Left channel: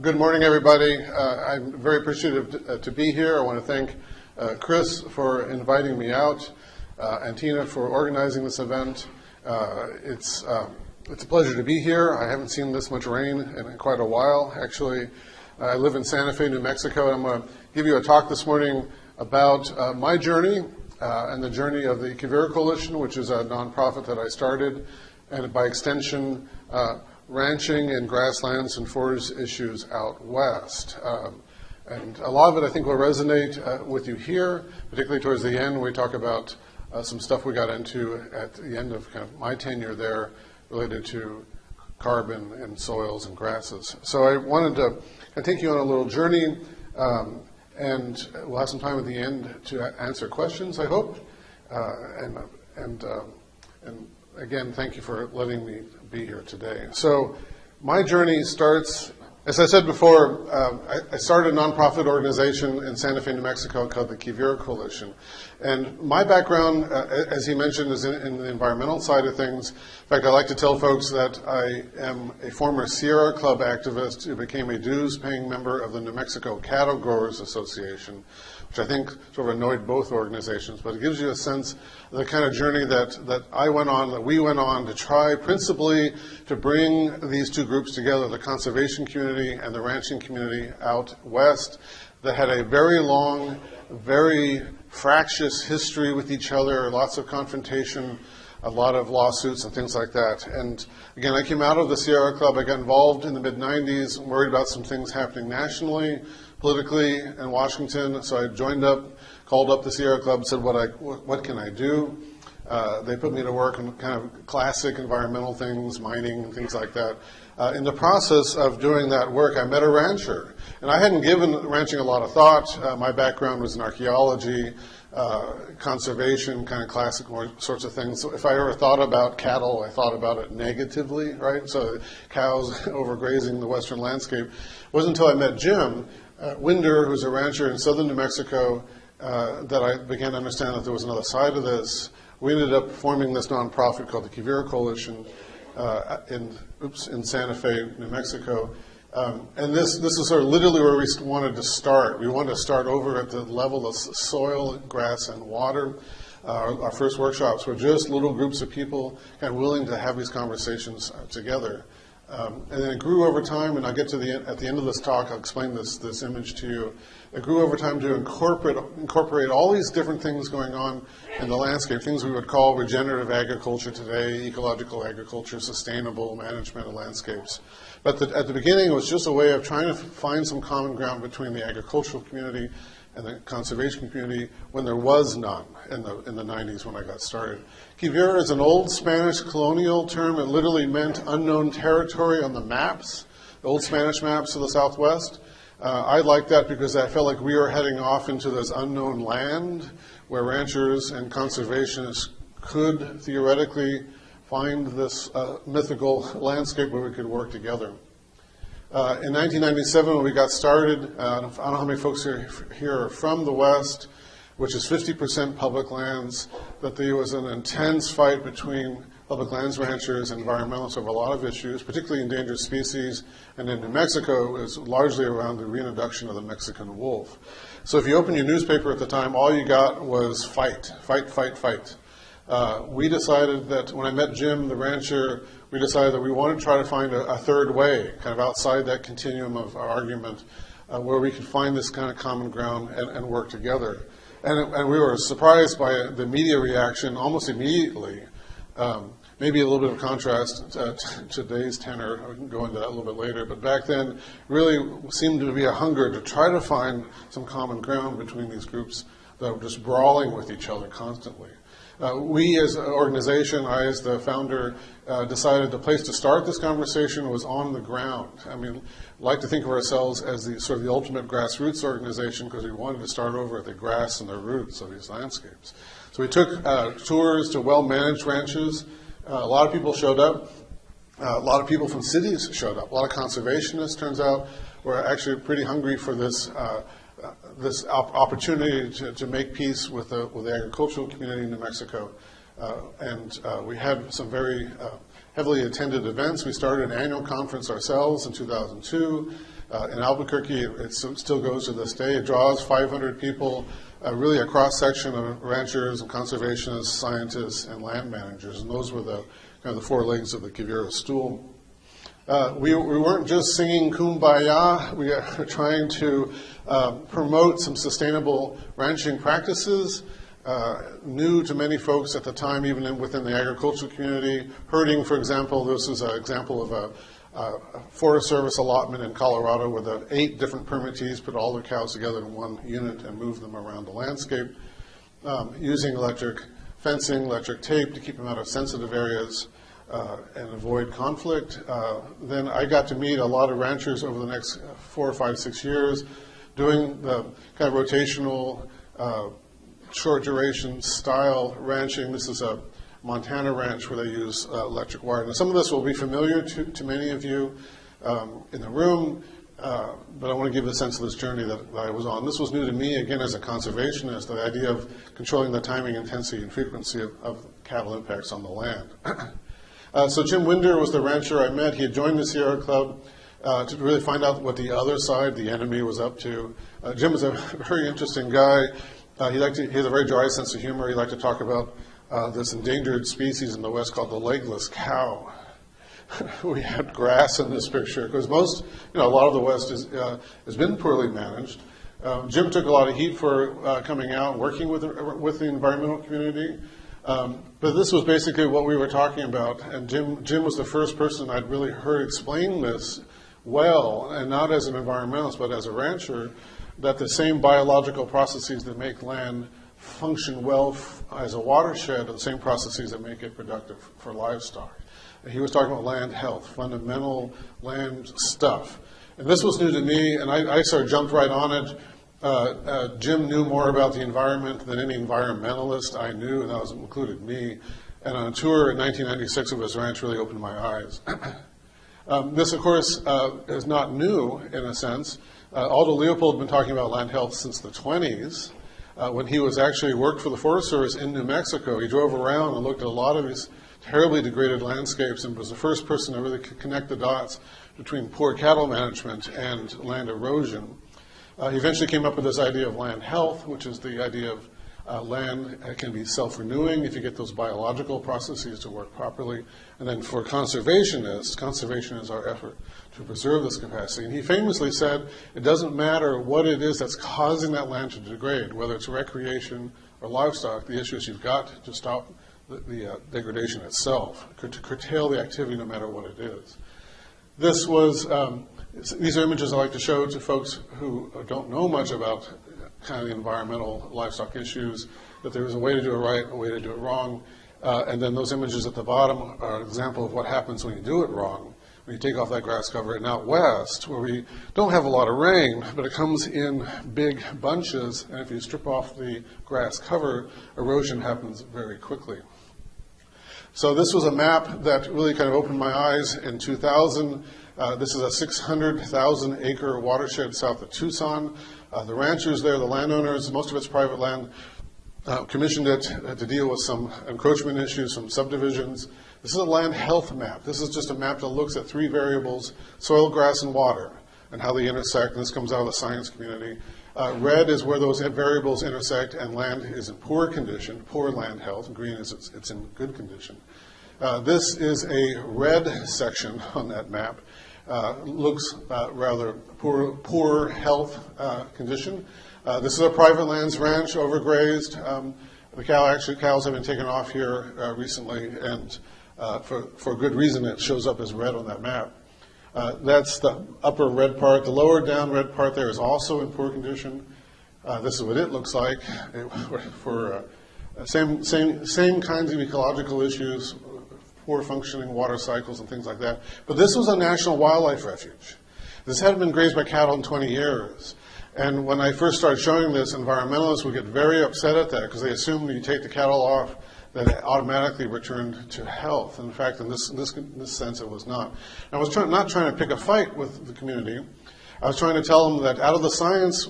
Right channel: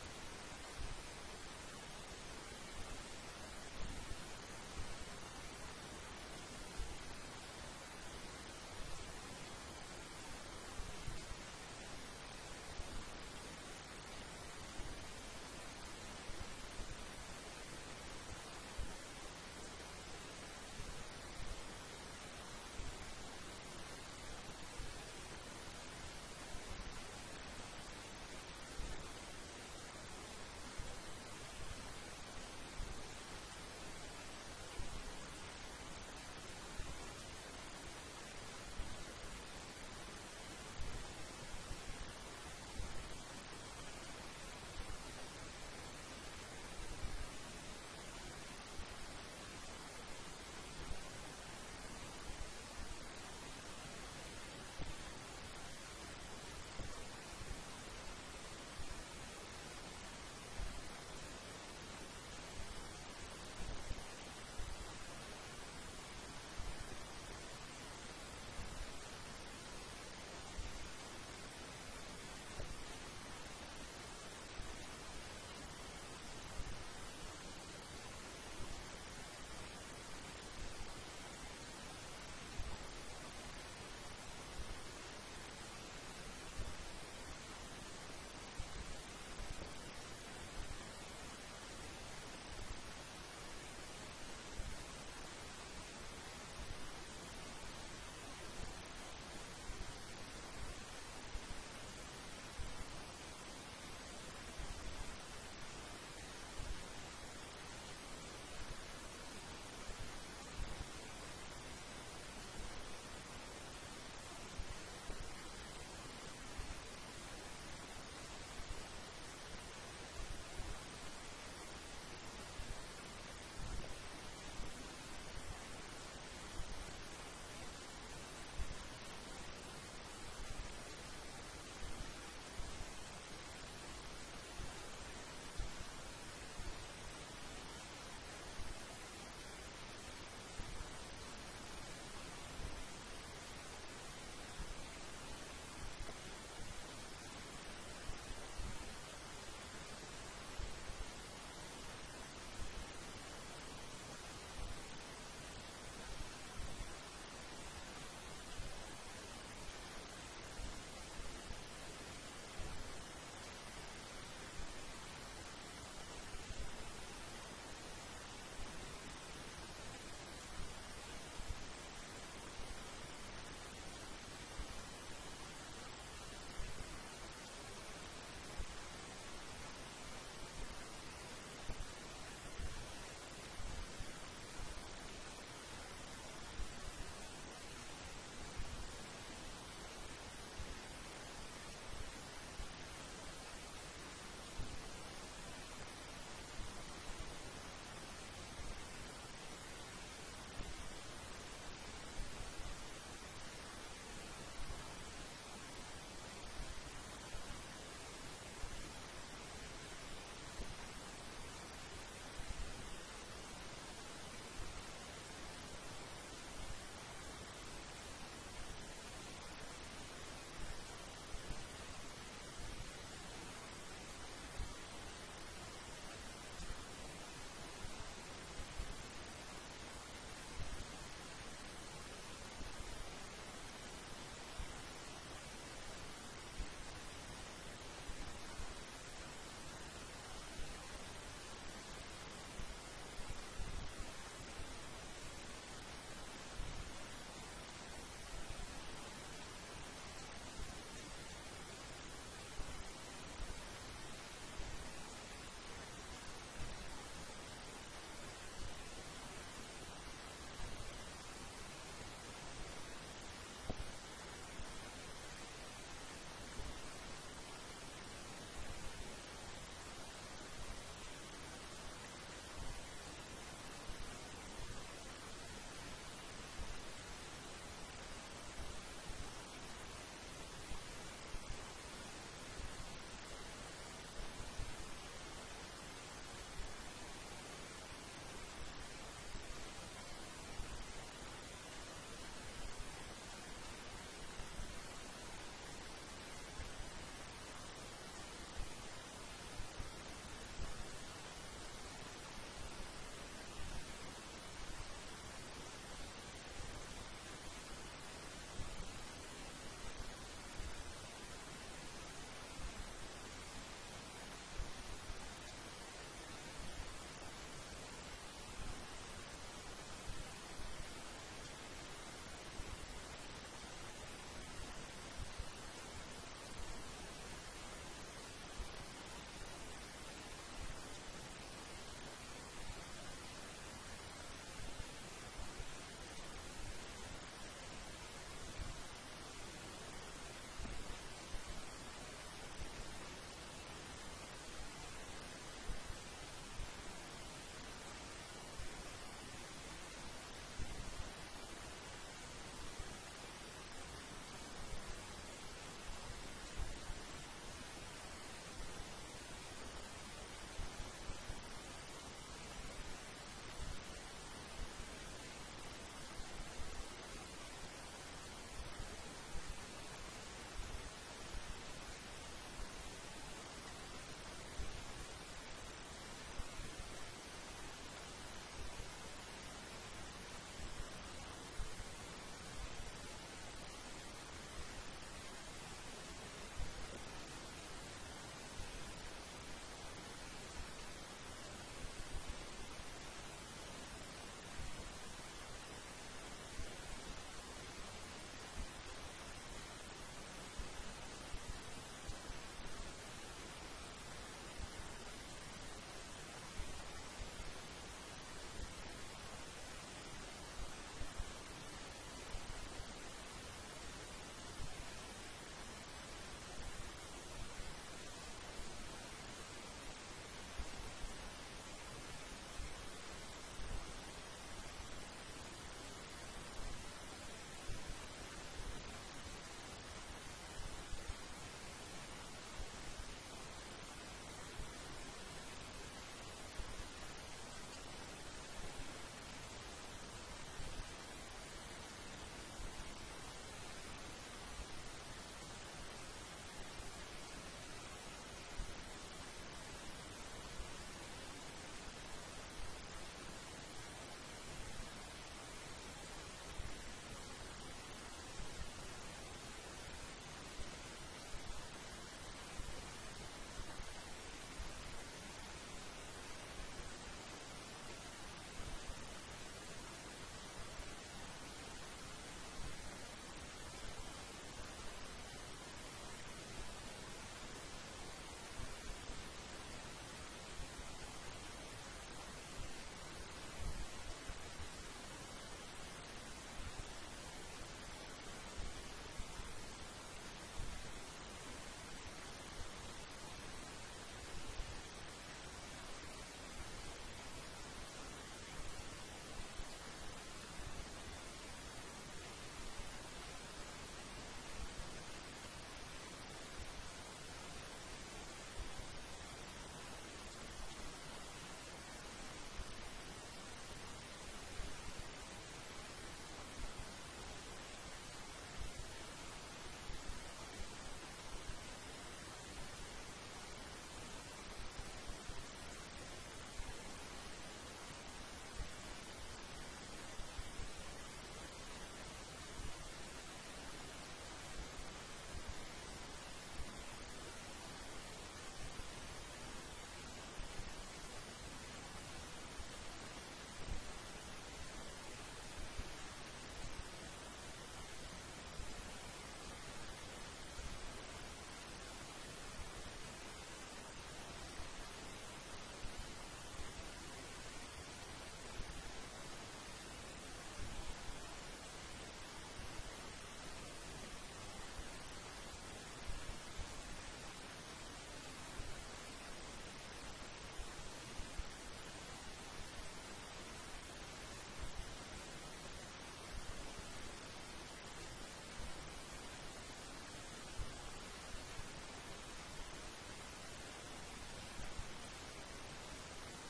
Good morning, everybody. I'm very appreciative to be here. I want to thank Chris for inviting me out and Tina for organizing this event. It's a pleasure to be here. I haven't seen this much rain in quite a while, actually. I live in Santa Fe, New Mexico, and I'm going to give you a talk this morning about my journey and the journey of the QUIVIRA Coalition, which is a nonprofit that I started, and by extension, ranching in grasslands and forage issues out west. And a lot of it, I think, will resonate with you here, particularly towards the end. We talk about some stuff we got into at the end of kind of my tenure there related to carbon and soils and grasses. So I wanted to take you on a little journey, and we'll have some time at the end to answer questions, I hope. And again, thank you for letting me be here today. So my journey starts, as I said before, I started a nonprofit organization in Santa Fe, New Mexico called the QUIVIRA Coalition. And my background, as he mentioned, is in the environmental side of things. In fact, I like to tell folks that I am a former Sierra Club activist who became a dues-paying member of the New Mexico Cattle Growers Association, which I think sort of annoyed both organizations, but it gives you a sense of the kind of journey that we went on to try principally to bring these two groups together, the conservation community and the ranching community out west, that had a very long, very fractious history with each other, lots of confrontation, a lot of lawsuits and things like that. And again, I came out of the Sierra Club. I got involved in the mid-90s, worried about some things happening nationally, politically in Washington. So I joined up, called up the Sierra Club, said, what can I do? They put me to work on kind of classic environmental things, mining, things like that. In the process of doing that work, I met a rancher. And I hadn't given ranching a lot of thought. My background was in archaeology, conservation, kind of classic sorts of things. So if I ever thought about cattle, I thought about it negatively, right? So cows overgrazing the western landscape. It wasn't until I met Jim Winder, who's a rancher in southern New Mexico, that I began to understand that there was another side of this. We ended up forming this nonprofit called the QUIVIRA Coalition in Santa Fe, New Mexico. And this is sort of literally where we wanted to start. We wanted to start over at the level of soil, grass, and water. Our first workshops were just little groups of people kind of willing to have these conversations together. And then it grew over time, and I'll get to at the end of this talk, I'll explain this image to you. It grew over time to incorporate all these different things going on in the landscape, things we would call regenerative agriculture today, ecological agriculture, sustainable management of landscapes. But at the beginning, it was just a way of trying to find some common ground between the agricultural community and the conservation community when there was none in the 90s when I got started. QUIVIRA is an old Spanish colonial term. It literally meant unknown territory on the maps, the old Spanish maps of the Southwest. I liked that because I felt like we were heading off into this unknown land where ranchers and conservationists could theoretically find this mythical landscape where we could work together. In 1997, when we got started, I don't know how many folks here are from the West, which is 50% public lands, that there was an intense fight between public lands ranchers and environmentalists over a lot of issues, particularly endangered species, and in New Mexico, it was largely around the reintroduction of the Mexican wolf. So if you open your newspaper at the time, all you got was fight, fight, fight, fight. We decided that when I met Jim, the rancher, we decided that we wanted to try to find a third way, kind of outside that continuum of argument, where we could find this kind of common ground and work together. And we were surprised by the media reaction almost immediately. Maybe a little bit of contrast to today's tenor. I can go into that a little bit later. But back then, really seemed to be a hunger to try to find some common ground between these groups that were just brawling with each other constantly. We as an organization, I as the founder, decided the place to start this conversation was on the ground. I mean, like to think of ourselves as the sort of the ultimate grassroots organization because we wanted to start over at the grass and the roots of these landscapes. So we took tours to well-managed ranches. A lot of people showed up. A lot of people from cities showed up. A lot of conservationists, turns out, were actually pretty hungry for this this opportunity to make peace with the agricultural community in New Mexico. And we had some very heavily attended events. We started an annual conference ourselves in 2002. In Albuquerque, it still goes to this day. It draws 500 people, really a cross-section of ranchers and conservationists, scientists, and land managers. And those were the kind of the four legs of the QUIVIRA stool. We weren't just singing Kumbaya. We are trying to promote some sustainable ranching practices, new to many folks at the time, even within the agricultural community. Herding, for example, this is an example of a Forest Service allotment in Colorado where the 8 different permittees put all their cows together in one unit and move them around the landscape, using electric fencing, electric tape to keep them out of sensitive areas and avoid conflict. Then I got to meet a lot of ranchers over the next 4, 5, 6 years, doing the kind of rotational, short duration style ranching. This is a Montana ranch where they use electric wire. Now, some of this will be familiar to many of you in the room, but I want to give a sense of this journey that I was on. This was new to me, again, as a conservationist, the idea of controlling the timing, intensity, and frequency of cattle impacts on the land. So Jim Winder was the rancher I met. He had joined the Sierra Club to really find out what the other side, the enemy, was up to. Jim was a very interesting guy. He has a very dry sense of humor. He liked to talk about this endangered species in the West called the legless cow. We had grass in this picture because a lot of the West has been poorly managed. Jim took a lot of heat for coming out and working with the environmental community. But this was basically what we were talking about. And Jim was the first person I'd really heard explain this well, and not as an environmentalist, but as a rancher, that the same biological processes that make land function well as a watershed are the same processes that make it productive for livestock. And he was talking about land health, fundamental land stuff. And this was new to me, and I sort of jumped right on it. Jim knew more about the environment than any environmentalist I knew, and that included me. And on a tour in 1996 of his ranch really opened my eyes. This, of course, is not new in a sense. Aldo Leopold had been talking about land health since the 20s. When he was actually worked for the Forest Service in New Mexico, he drove around and looked at a lot of these terribly degraded landscapes and was the first person to really connect the dots between poor cattle management and land erosion. He eventually came up with this idea of land health, which is the idea of land can be self-renewing if you get those biological processes to work properly. And then for conservationists, conservation is our effort to preserve this capacity. And he famously said, it doesn't matter what it is that's causing that land to degrade, whether it's recreation or livestock, the issue is you've got to stop the degradation itself, to curtail the activity no matter what it is. This was, these are images I like to show to folks who don't know much about kind of the environmental livestock issues, that there is a way to do it right, a way to do it wrong. And then those images at the bottom are an example of what happens when you do it wrong. When you take off that grass cover. And out west, where we don't have a lot of rain, but it comes in big bunches, and if you strip off the grass cover, erosion happens very quickly. So this was a map that really kind of opened my eyes in 2000. This is a 600,000 acre watershed south of Tucson. The ranchers there, the landowners, most of it's private land, commissioned it to deal with some encroachment issues from subdivisions. This is a land health map. This is just a map that looks at 3 variables, soil, grass, and water, and how they intersect, and this comes out of the science community. Red is where those variables intersect, and land is in poor condition, poor land health. Green is it's in good condition. This is a red section on that map. Looks rather poor health condition. This is a private lands ranch, overgrazed. The cows have been taken off here recently, and for good reason it shows up as red on that map. That's the upper red part. The lower down red part there is also in poor condition. This is what it looks like for same kinds of ecological issues, poor functioning water cycles and things like that. But this was a national wildlife refuge. This hadn't been grazed by cattle in 20 years. And when I first started showing this, environmentalists would get very upset at that because they assumed when you take the cattle off that it automatically returned to health. And in fact, in this sense, it was not. I was not trying to pick a fight with the community. I was trying to tell them that out of the science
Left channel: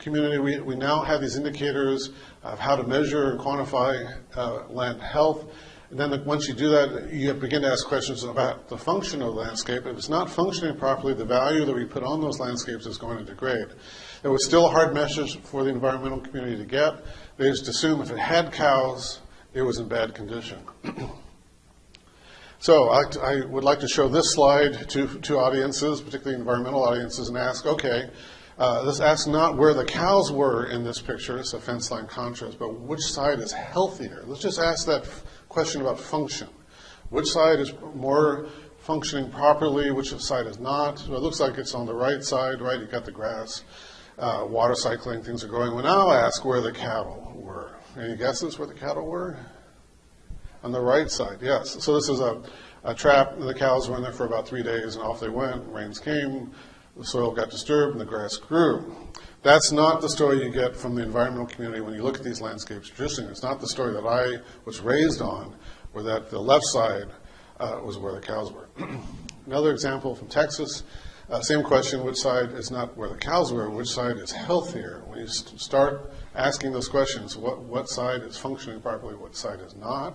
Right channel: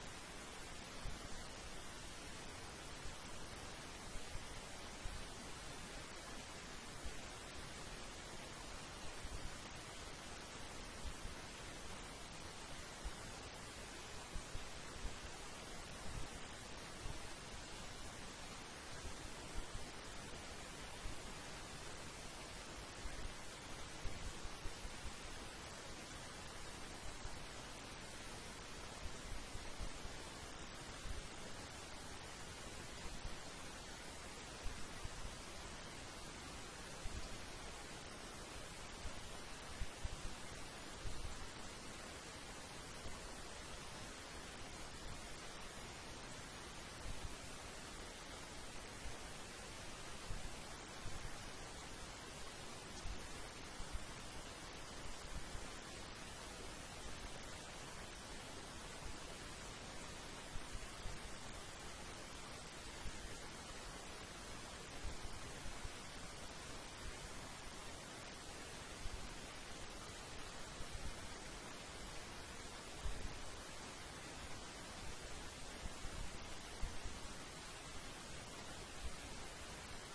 community, we now have these indicators of how to measure and quantify land health. And then once you do that, you begin to ask questions about the function of the landscape. If it's not functioning properly, the value that we put on those landscapes is going to degrade. It was still a hard message for the environmental community to get. They just assumed if it had cows, it was in bad condition. So I would like to show this slide to audiences, particularly environmental audiences, and ask, okay, let's ask not where the cows were in this picture, it's a fence line contrast, but which side is healthier? Let's just ask that question about function. Which side is more functioning properly, which side is not? So it looks like it's on the right side, right? You've got the grass, water cycling, things are going. We'll now ask where the cattle were. Any guesses where the cattle were? On the right side, yes. So this is a trap. The cows were in there for about 3 days, and off they went. Rains came, the soil got disturbed, and the grass grew. That's not the story you get from the environmental community when you look at these landscapes. Traditionally, it's not the story that I was raised on, where that the left side was where the cows were. Another example from Texas, same question, which side is not where the cows were, which side is healthier? When you start asking those questions, what side is functioning properly, what side is not?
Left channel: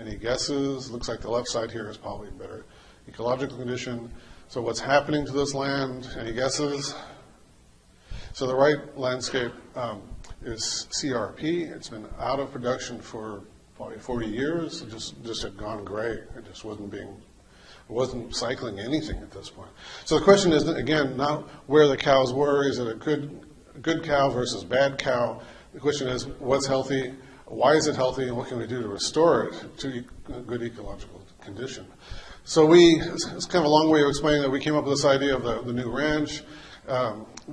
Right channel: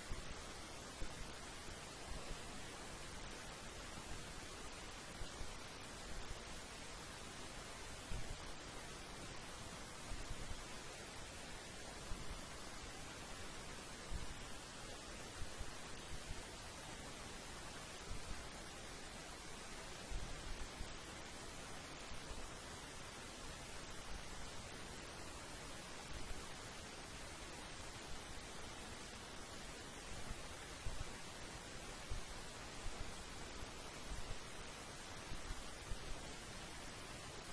Any guesses? Looks like the left side here is probably in better ecological condition. So what's happening to this land? Any guesses? So the right landscape is CRP. It's been out of production for probably 40 years. It just had gone gray. It just wasn't cycling anything at this point. So the question is, again, not where the cows were. Is it a good cow versus bad cow? The question is, what's healthy? Why is it healthy, and what can we do to restore it to a good ecological condition? So it's kind of a long way of explaining that we came up with this idea of the new ranch.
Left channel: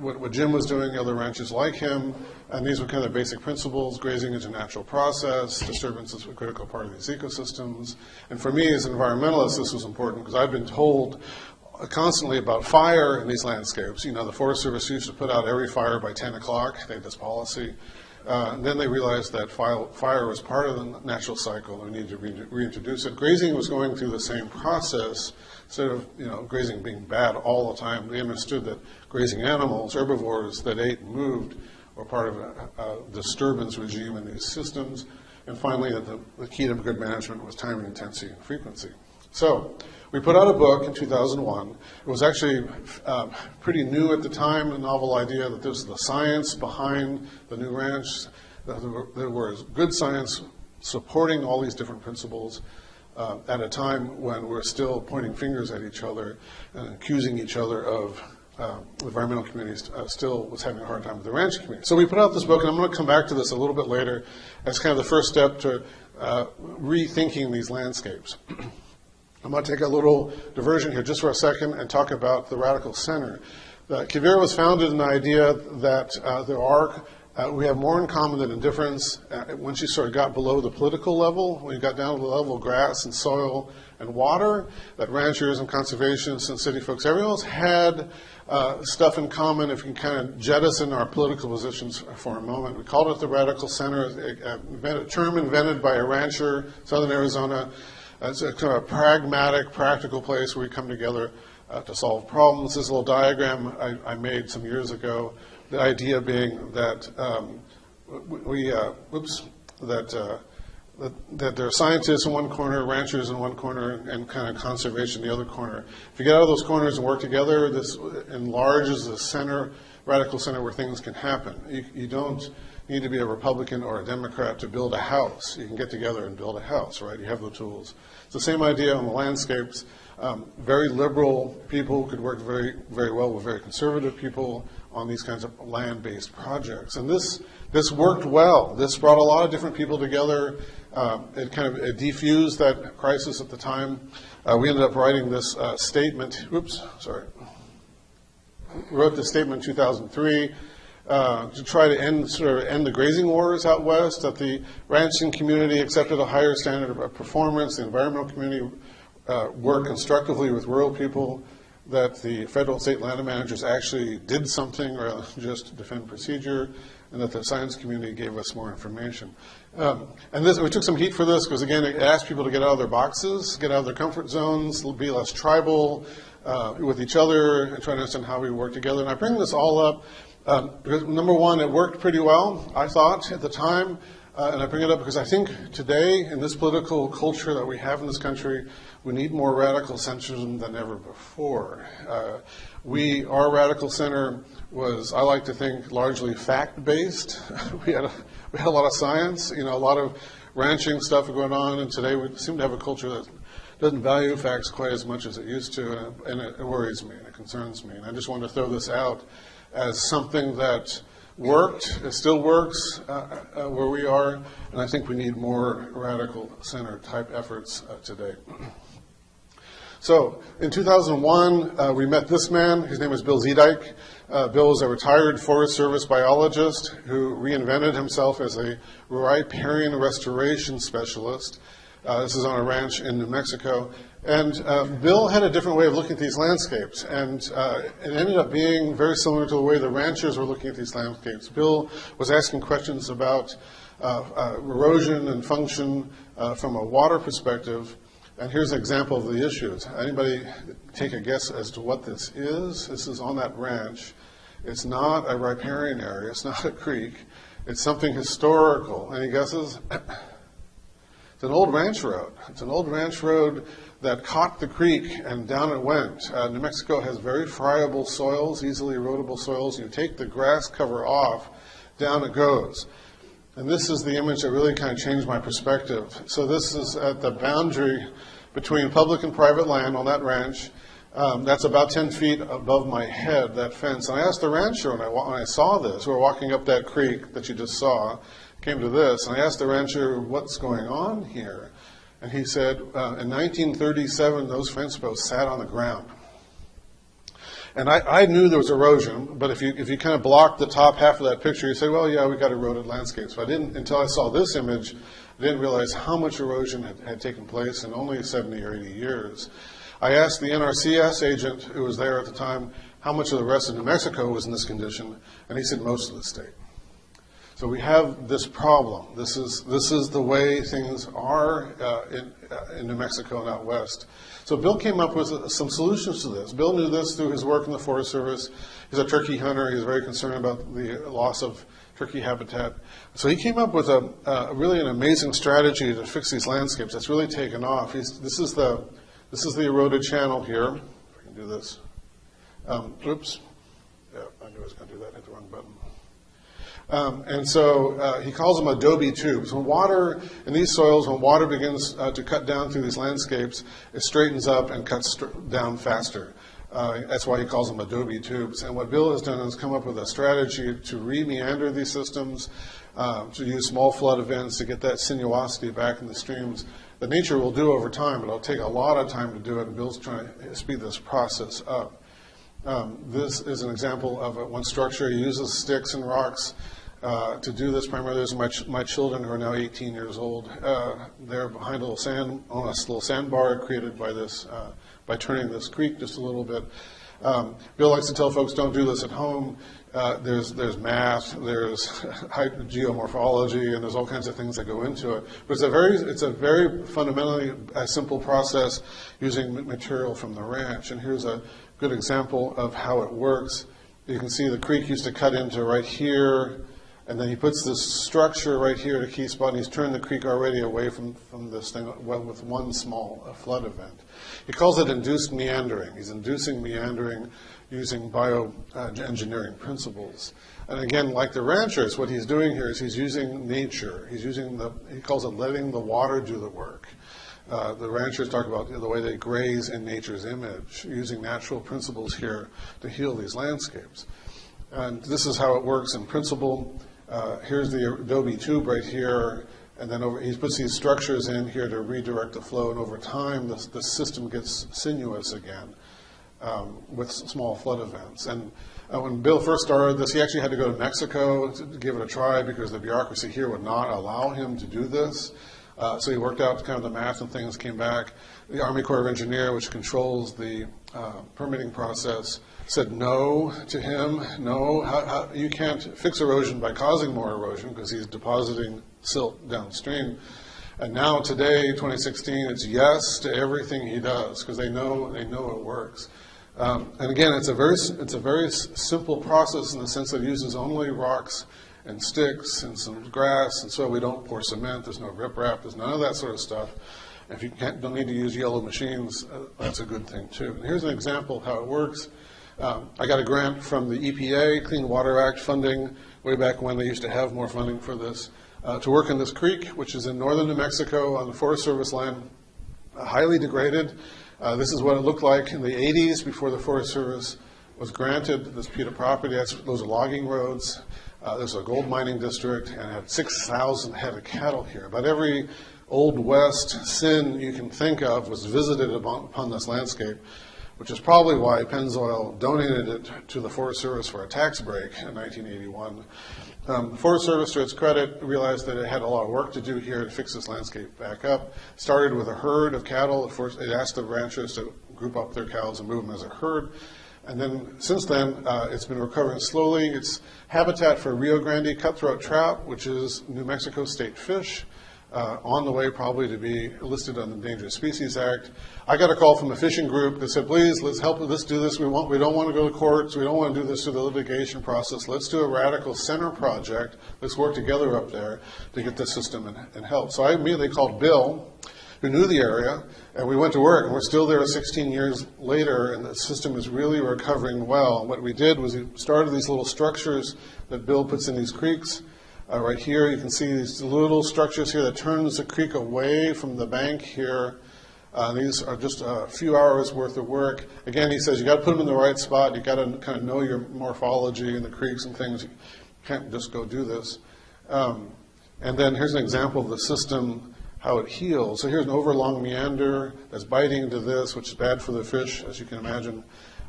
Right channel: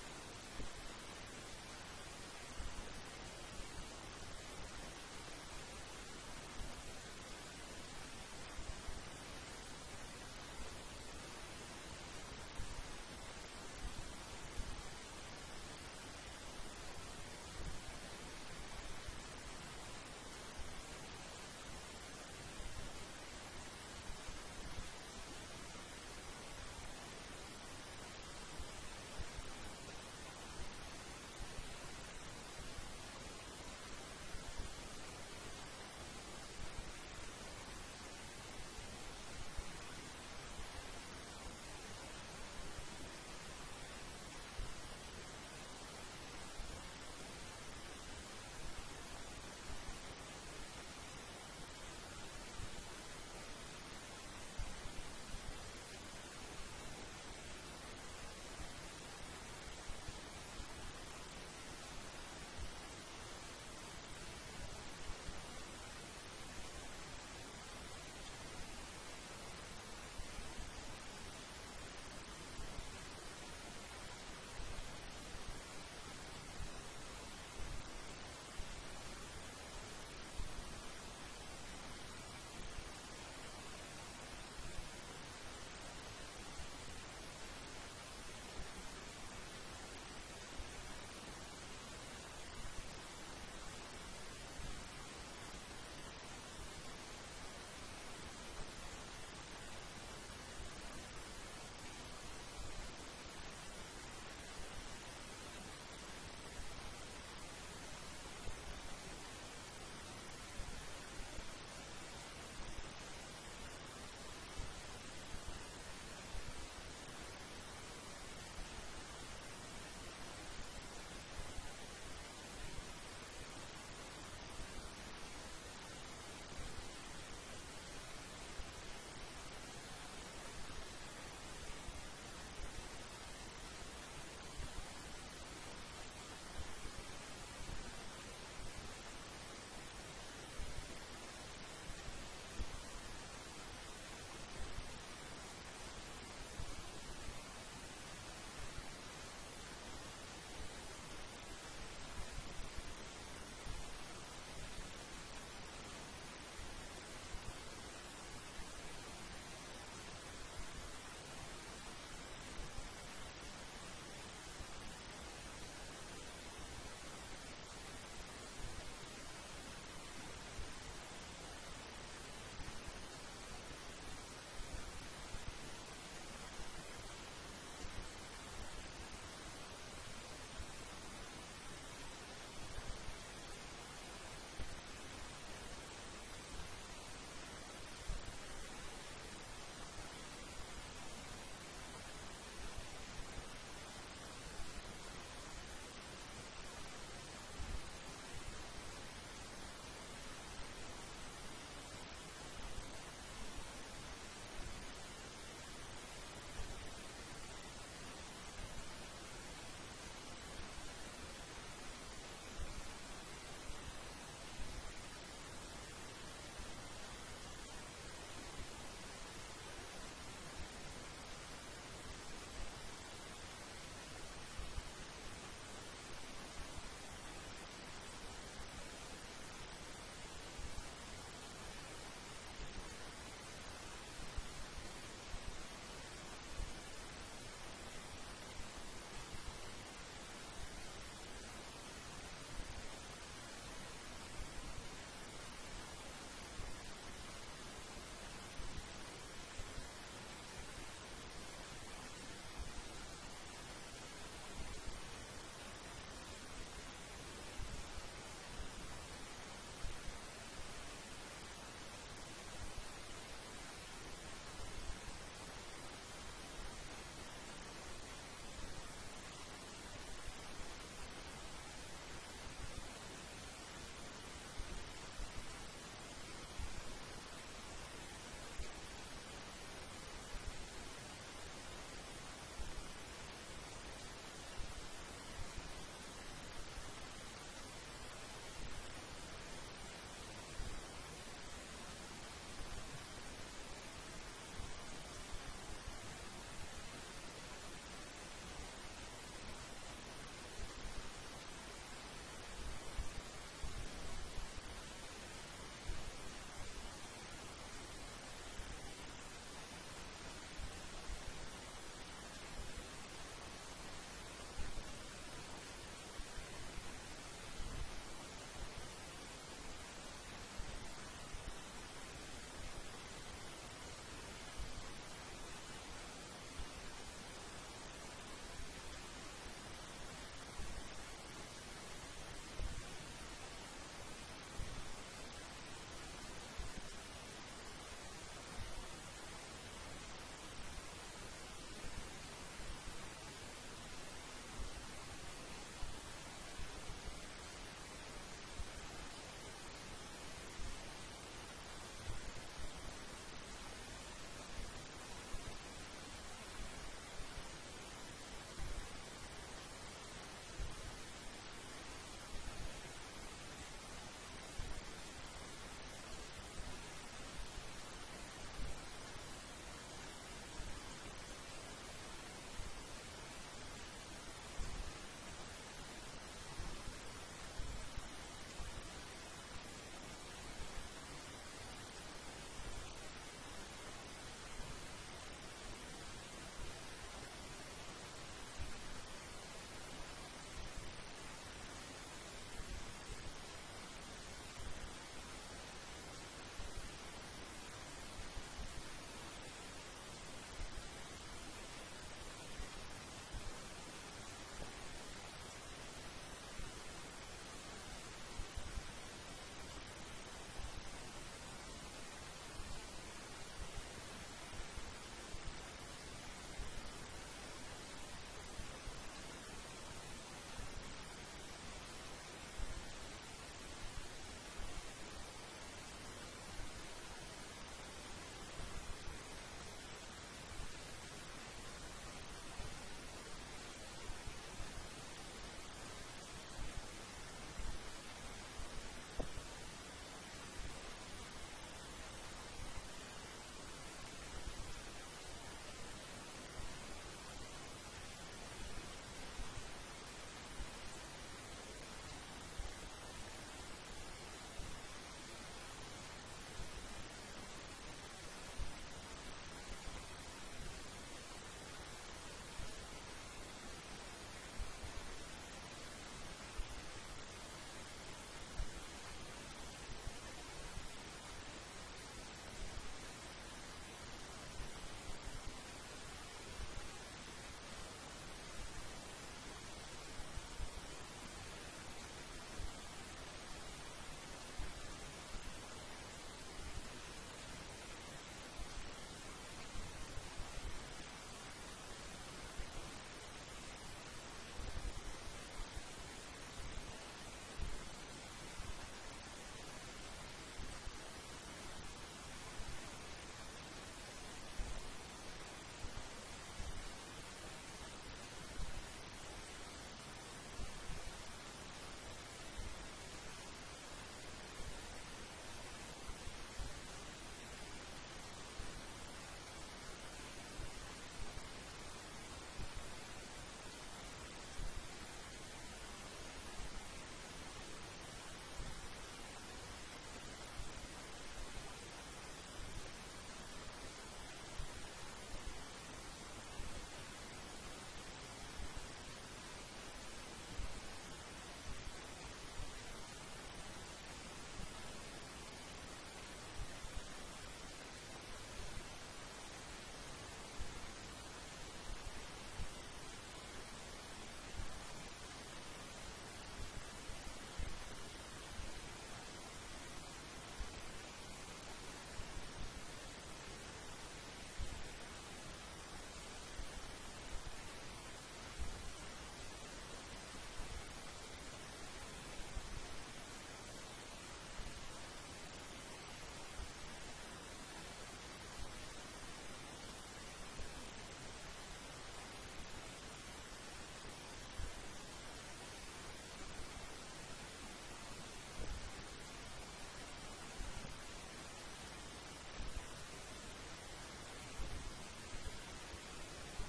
What Jim was doing, other ranches like him, and these were kind of the basic principles. Grazing is a natural process. Disturbance is a critical part of these ecosystems. And for me as an environmentalist, this was important because I've been told constantly about fire in these landscapes. You know, the Forest Service used to put out every fire by 10 o'clock. They had this policy. And then they realized that fire was part of the natural cycle and needed to reintroduce it. Grazing was going through the same process. Instead of grazing being bad all the time, they understood that grazing animals, herbivores that ate and moved, were part of a disturbance regime in these systems. And finally, the key to good management was time, intensity, and frequency. So we put out a book in 2001. It was actually pretty new at the time, a novel idea that this is the science behind the new ranch. There was good science supporting all these different principles at a time when we're still pointing fingers at each other and accusing each other of the environmental community still was having a hard time with the ranch community. So we put out this book, and I'm going to come back to this a little bit later as kind of the first step to rethinking these landscapes. I'm going to take a little diversion here just for a second and talk about the radical center. QUIVIRA was founded in the idea that we have more in common than in difference. Once you sort of got below the political level, when you got down to the level of grass and soil and water, that ranchers and conservationists and city folks, everyone else had stuff in common. If we can kind of jettison our political positions for a moment. We called it the radical center, a term invented by a rancher, Southern Arizona. It's a kind of a pragmatic, practical place where we come together to solve problems. This little diagram I made some years ago, the idea being that that there are scientists in one corner, ranchers in one corner, and kind of conservation in the other corner. If you get out of those corners and work together, this enlarges the center, radical center where things can happen. You don't need to be a Republican or a Democrat to build a house. You can get together and build a house, right? You have the tools. It's the same idea on the landscapes. Very liberal people could work very, very well with very conservative people on these kinds of land-based projects. And this worked well. This brought a lot of different people together. It defused that crisis at the time. We ended up writing this statement. We wrote this statement in 2003 to try to end the grazing wars out west, that the ranching community accepted a higher standard of performance, the environmental community worked constructively with rural people, that the federal and state land managers actually did something rather than just defend procedure, and that the science community gave us more information. And we took some heat for this because, again, it asked people to get out of their boxes, get out of their comfort zones, be less tribal with each other, and try to understand how we work together. And I bring this all up because, number one, it worked pretty well, I thought, at the time. And I bring it up because I think today, in this political culture that we have in this country, we need more radical centrism than ever before. Our radical center was, I like to think, largely fact-based. we had a lot of science, a lot of ranching stuff going on, and today we seem to have a culture that doesn't value facts quite as much as it used to, and it worries me and it concerns me. And I just want to throw this out as something that worked, it still works where we are, and I think we need more radical center type efforts today. So in 2001, we met this man. His name is Bill Zeedyk. Bill is a retired Forest Service biologist who reinvented himself as a riparian restoration specialist. This is on a ranch in New Mexico. And Bill had a different way of looking at these landscapes, and it ended up being very similar to the way the ranchers were looking at these landscapes. Bill was asking questions about erosion and function from a water perspective, and here's an example of the issues. Anybody take a guess as to what this is? This is on that ranch. It's not a riparian area. It's not a creek. It's something historical. Any guesses? It's an old ranch road. It's an old ranch road that caught the creek and down it went. New Mexico has very friable soils, easily erodible soils. You take the grass cover off, down it goes. And this is the image that really kind of changed my perspective. So this is at the boundary between public and private land on that ranch. That's about 10 feet above my head, that fence. And I asked the rancher when I saw this, we were walking up that creek that you just saw, came to this, and I asked the rancher, what's going on here? And he said, in 1937, those fence posts sat on the ground. And I knew there was erosion, but if you kind of block the top half of that picture, you say, well, yeah, we got eroded landscapes. But I didn't, until I saw this image, I didn't realize how much erosion had taken place in only 70 or 80 years. I asked the NRCS agent who was there at the time how much of the rest of New Mexico was in this condition, and he said most of the state. So we have this problem. This is the way things are in New Mexico and out west. So Bill came up with some solutions to this. Bill knew this through his work in the Forest Service. He's a turkey hunter. He's very concerned about the loss of turkey habitat. So he came up with really an amazing strategy to fix these landscapes that's really taken off. This is the eroded channel here. Do this. Oops. Yeah, I knew I was going to do that. Hit the wrong button. And so he calls them adobe tubes. When water, in these soils, when water begins to cut down through these landscapes, it straightens up and cuts down faster. That's why he calls them adobe tubes. And what Bill has done is come up with a strategy to re-meander these systems, to use small flood events to get that sinuosity back in the streams that nature will do over time, but it'll take a lot of time to do it, and Bill's trying to speed this process up. This is an example of one structure. He uses sticks and rocks to do this. Primarily, there's my children who are now 18 years old. They're behind a little sandbar created by this, by turning this creek just a little bit. Bill likes to tell folks, don't do this at home. There's math, there's geomorphology, and there's all kinds of things that go into it. But it's a very fundamentally simple process using material from the ranch. And here's a good example of how it works. You can see the creek used to cut into right here, and then he puts this structure right here at a key spot, and he's turned the creek already away from this thing with one small flood event. He calls it induced meandering. He's inducing meandering using bioengineering principles. And again, like the ranchers, what he's doing here is he's using nature. He calls it letting the water do the work. The ranchers talk about the way they graze in nature's image, using natural principles here to heal these landscapes. And this is how it works in principle. Here's the adobe tube right here, and then he puts these structures in here to redirect the flow, and over time the system gets sinuous again with small flood events. And when Bill first started this, he actually had to go to Mexico to give it a try because the bureaucracy here would not allow him to do this. So he worked out kind of the math and things, came back. The Army Corps of Engineers, which controls the permitting process, said no to him. No, you can't fix erosion by causing more erosion because he's depositing silt downstream. And now today, 2016, it's yes to everything he does because they know it works. And again, it's a very simple process in the sense that it uses only rocks and sticks and some grass, and so we don't pour cement. There's no riprap. There's none of that sort of stuff. If you don't need to use yellow machines, that's a good thing too. And here's an example of how it works. I got a grant from the EPA, Clean Water Act funding, way back when they used to have more funding for this, to work in this creek, which is in northern New Mexico on the Forest Service land, highly degraded. This is what it looked like in the 80s before the Forest Service was granted this piece of property. Those are logging roads. There's a gold mining district, and it had 6,000 head of cattle here. About every Old West sin you can think of was visited upon this landscape, which is probably why Pennzoil donated it to the Forest Service for a tax break in 1981. The Forest Service, to its credit, realized that it had a lot of work to do here to fix this landscape back up. Started with a herd of cattle. It asked the ranchers to group up their cows and move them as a herd. And then, since then, it's been recovering slowly. It's habitat for Rio Grande cutthroat trout, which is New Mexico state fish, on the way probably to be listed on the Endangered Species Act. I got a call from a fishing group that said, please, let's help us do this. We don't want to go to courts. We don't want to do this through the litigation process. Let's do a radical center project. Let's work together up there to get this system and help. So I immediately called Bill, who knew the area, and we went to work. And we're still there 16 years later, and the system is really recovering well. And what we did was we started these little structures that Bill puts in these creeks. Right here, you can see these little structures here that turns the creek away from the bank here. These are just a few hours worth of work. Again, he says you got to put them in the right spot. You got to kind of know your morphology and the creeks and things. You can't just go do this. And then here's an example of the system, how it heals. So here's an overlong meander that's biting into this, which is bad for the fish, as you can imagine.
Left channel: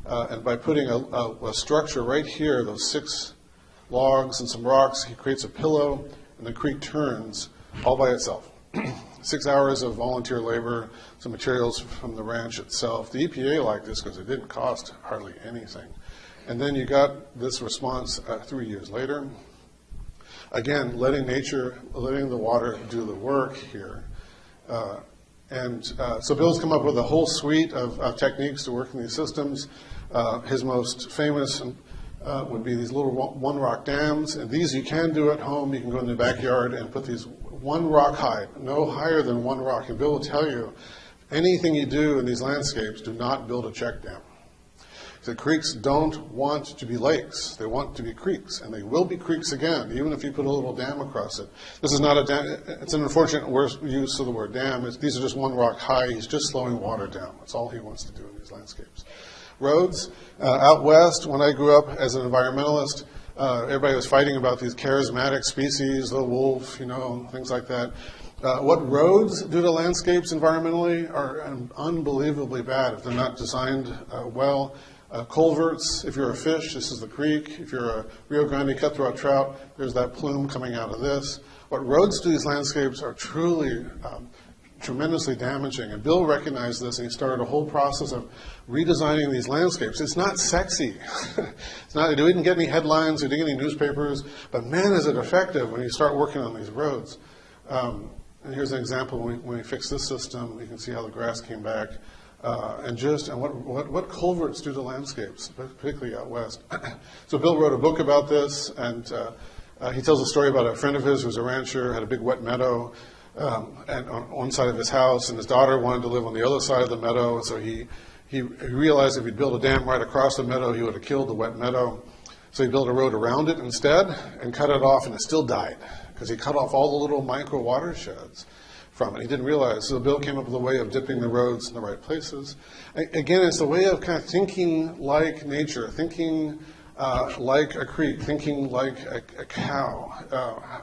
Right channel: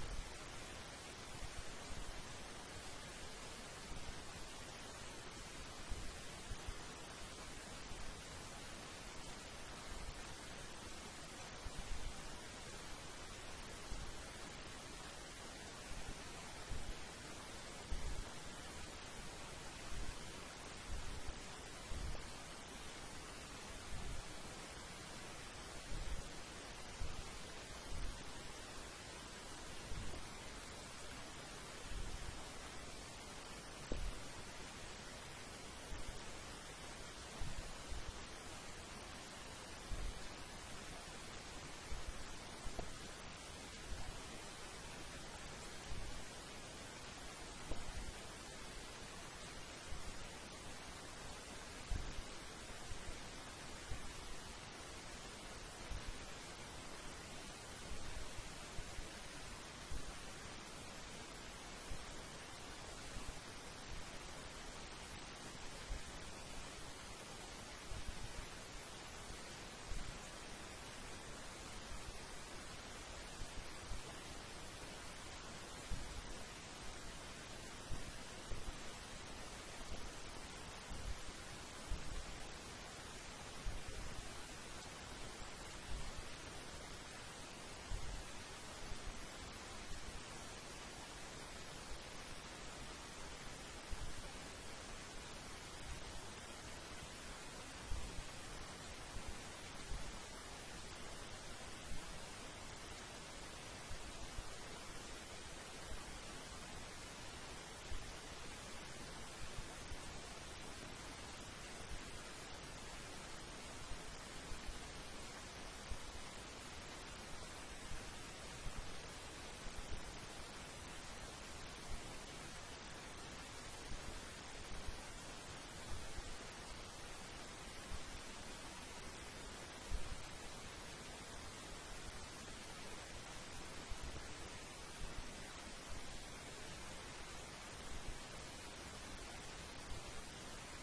And by putting a structure right here, those 6 logs and some rocks, he creates a pillow, and the creek turns all by itself. 6 hours of volunteer labor, some materials from the ranch itself. The EPA liked this because it didn't cost hardly anything. And then you got this response 3 years later. Again, letting the water do the work here. So Bill's come up with a whole suite of techniques to work in these systems. His most famous would be these little one rock dams. And these you can do at home. You can go in the backyard and put these 1 rock high, no higher than 1 rock. And Bill will tell you, anything you do in these landscapes, do not build a check dam. The creeks don't want to be lakes. They want to be creeks, and they will be creeks again, even if you put a little dam across it. This is not a dam. It's an unfortunate use of the word dam. These are just 1 rock high. He's just slowing water down. That's all he wants to do in these landscapes. Roads. Out west, when I grew up as an environmentalist, everybody was fighting about these charismatic species, the wolf, things like that. What roads do to landscapes environmentally are unbelievably bad if they're not designed well. Culverts, if you're a fish, this is the creek. If you're a Rio Grande cutthroat trout, there's that plume coming out of this. What roads do to these landscapes are truly tremendously damaging. And Bill recognized this, and he started a whole process of redesigning these landscapes. It's not sexy. We didn't get any headlines, we didn't get any newspapers, but man, is it effective when you start working on these roads. And here's an example when we fixed this system. You can see how the grass came back. And what culverts do to landscapes, particularly out west. So Bill wrote a book about this, and he tells a story about a friend of his who was a rancher, had a big wet meadow and on one side of his house, and his daughter wanted to live on the other side of the meadow, so he realized if he'd built a dam right across the meadow, he would have killed the wet meadow. So he built a road around it instead and cut it off, and it still died because he cut off all the little micro watersheds from it. He didn't realize. So Bill came up with a way of dipping the roads in the right places. Again, it's a way of kind of thinking like nature, thinking like a creek, thinking like a cow,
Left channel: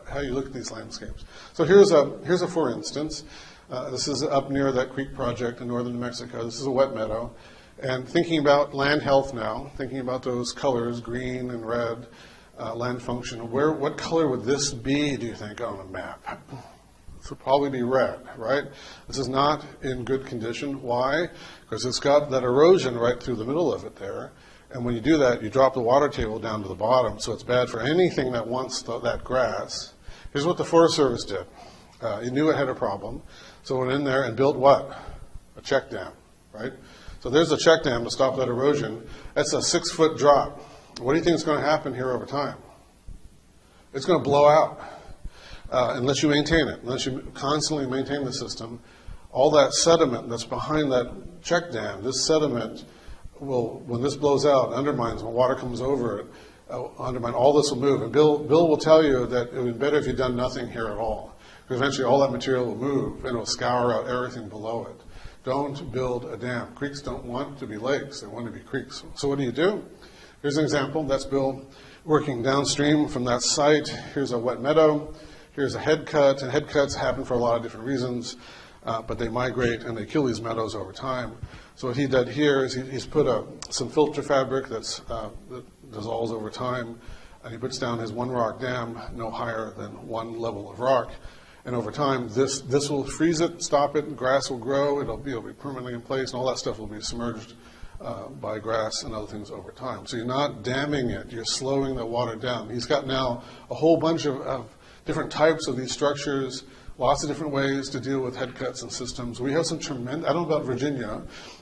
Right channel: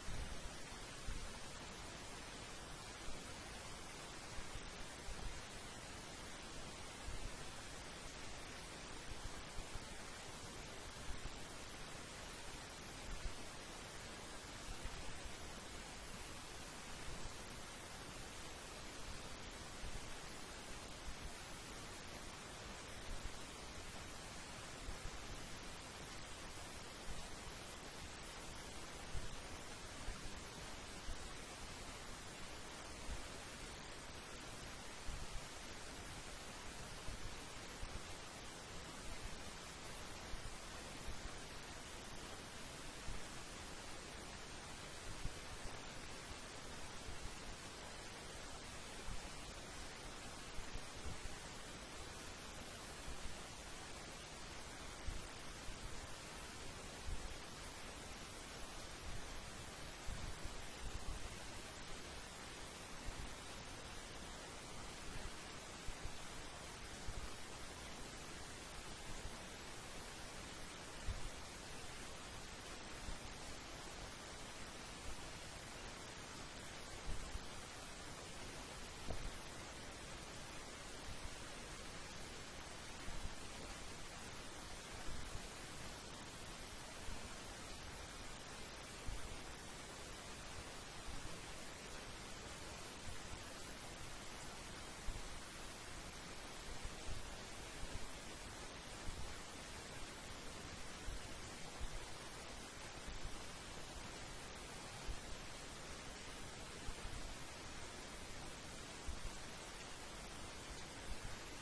how you look at these landscapes. So here's a for instance. This is up near that creek project in northern New Mexico. This is a wet meadow. And thinking about land health now, thinking about those colors, green and red, land function, what color would this be, do you think, on a map? This would probably be red, right? This is not in good condition. Why? Because it's got that erosion right through the middle of it there. And when you do that, you drop the water table down to the bottom, so it's bad for anything that wants that grass. Here's what the Forest Service did. It knew it had a problem, so it went in there and built what? A check dam, right? So there's a check dam to stop that erosion. That's a 6-foot drop. What do you think is going to happen here over time? it's going to blow out unless you maintain it, unless you constantly maintain the system. All that sediment that's behind that check dam, this sediment will, when this blows out, undermines, when water comes over it, undermine, all this will move. And Bill will tell you that it would be better if you'd done nothing here at all, because eventually all that material will move and it will scour out everything below it. Don't build a dam. Creeks don't want to be lakes, they want to be creeks. So what do? Here's an example. That's Bill working downstream from that site. Here's a wet meadow. Here's a head cut, and head cuts happen for a lot of different reasons, but they migrate and they kill these meadows over time. So what he did here is he's put some filter fabric that dissolves over time, and he puts down his one rock dam no higher than one level of rock. And over time, this will freeze it, stop it, grass will grow, it'll be permanently in place, and all that stuff will be submerged by grass and other things over time. So you're not damming it, you're slowing the water down. He's got now a whole bunch of different types of these structures, lots of different ways to deal with head cuts and systems. We have some tremendous, I don't know about Virginia,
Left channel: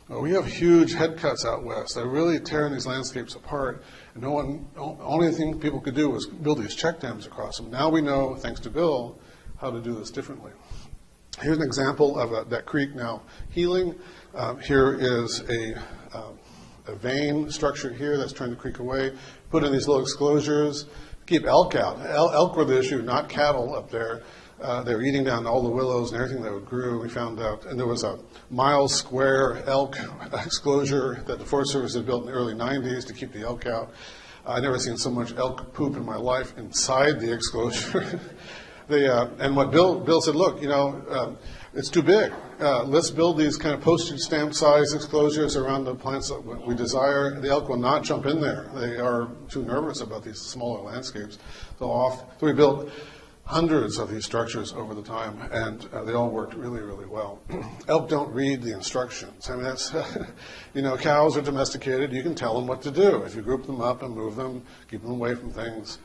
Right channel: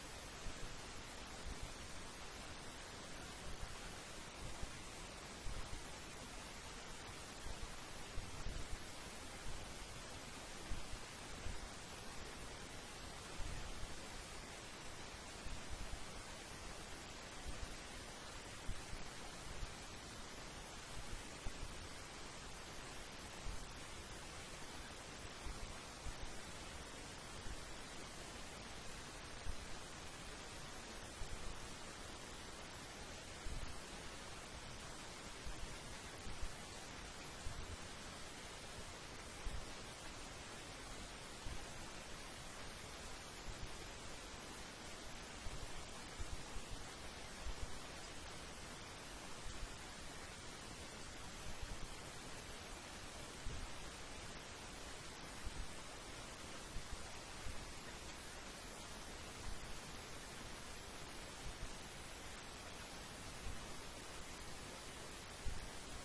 but we have huge head cuts out west that are really tearing these landscapes apart. And only thing people could do was build these check dams across them. Now we know, thanks to Bill, how to do this differently. Here's an example of that creek now healing. Here is a vein structure here that's trying to creek away. Put in these little exclosures, keep elk out. Elk were the issue, not cattle up there. They were eating down all the willows and everything that grew, we found out. And there was a mile square elk exclosure that the Forest Service had built in the early 90s to keep the elk out. I've never seen so much elk poop in my life inside the exclosure. And what Bill said, look, it's too big. Let's build these kind of postage stamp size exclosures around the plants that we desire. The elk will not jump in there. They are too nervous about these smaller landscapes. So we built hundreds of these structures over the time, and they all worked really, really well. Elk don't read the instructions. I mean, that's, cows are domesticated. You can tell them what to do. If you group them up and move them, keep them away from things,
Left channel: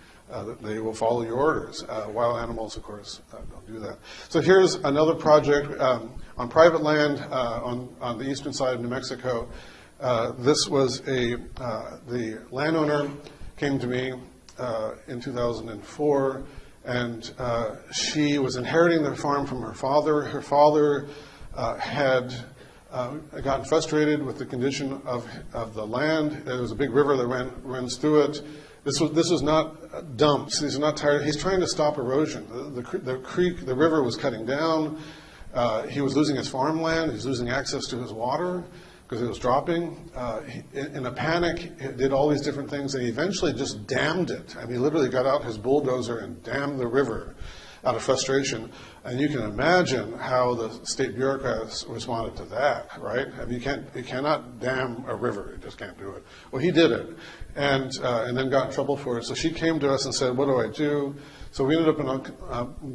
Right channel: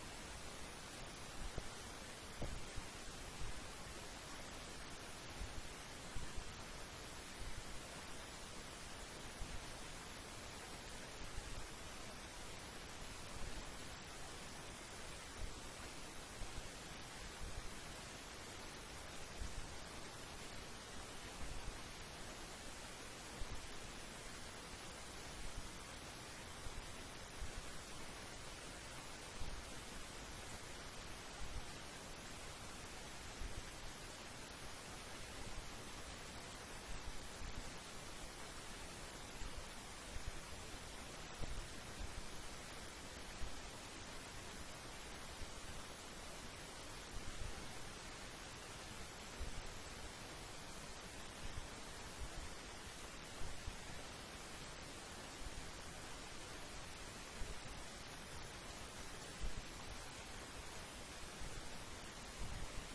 they will follow your orders. Wild animals, of course, don't do that. So here's another project on private land on the eastern side of New Mexico. This was the landowner came to me in 2004, and she was inheriting the farm from her father. Her father had gotten frustrated with the condition of the land. There was a big river that runs through it. This was not dumps. These are not tired. He's trying to stop erosion. The river was cutting down. He was losing his farmland. He was losing access to his water because it was dropping. In a panic, he did all these different things, and he eventually just dammed it. And he literally got out his bulldozer and dammed the river out of frustration. And you can imagine how the state bureaucrats responded to that, right? I mean, you cannot dam a river. You just can't do it. Well, he did it, and then got in trouble for it. So she came to us and said, what do I do? So we ended up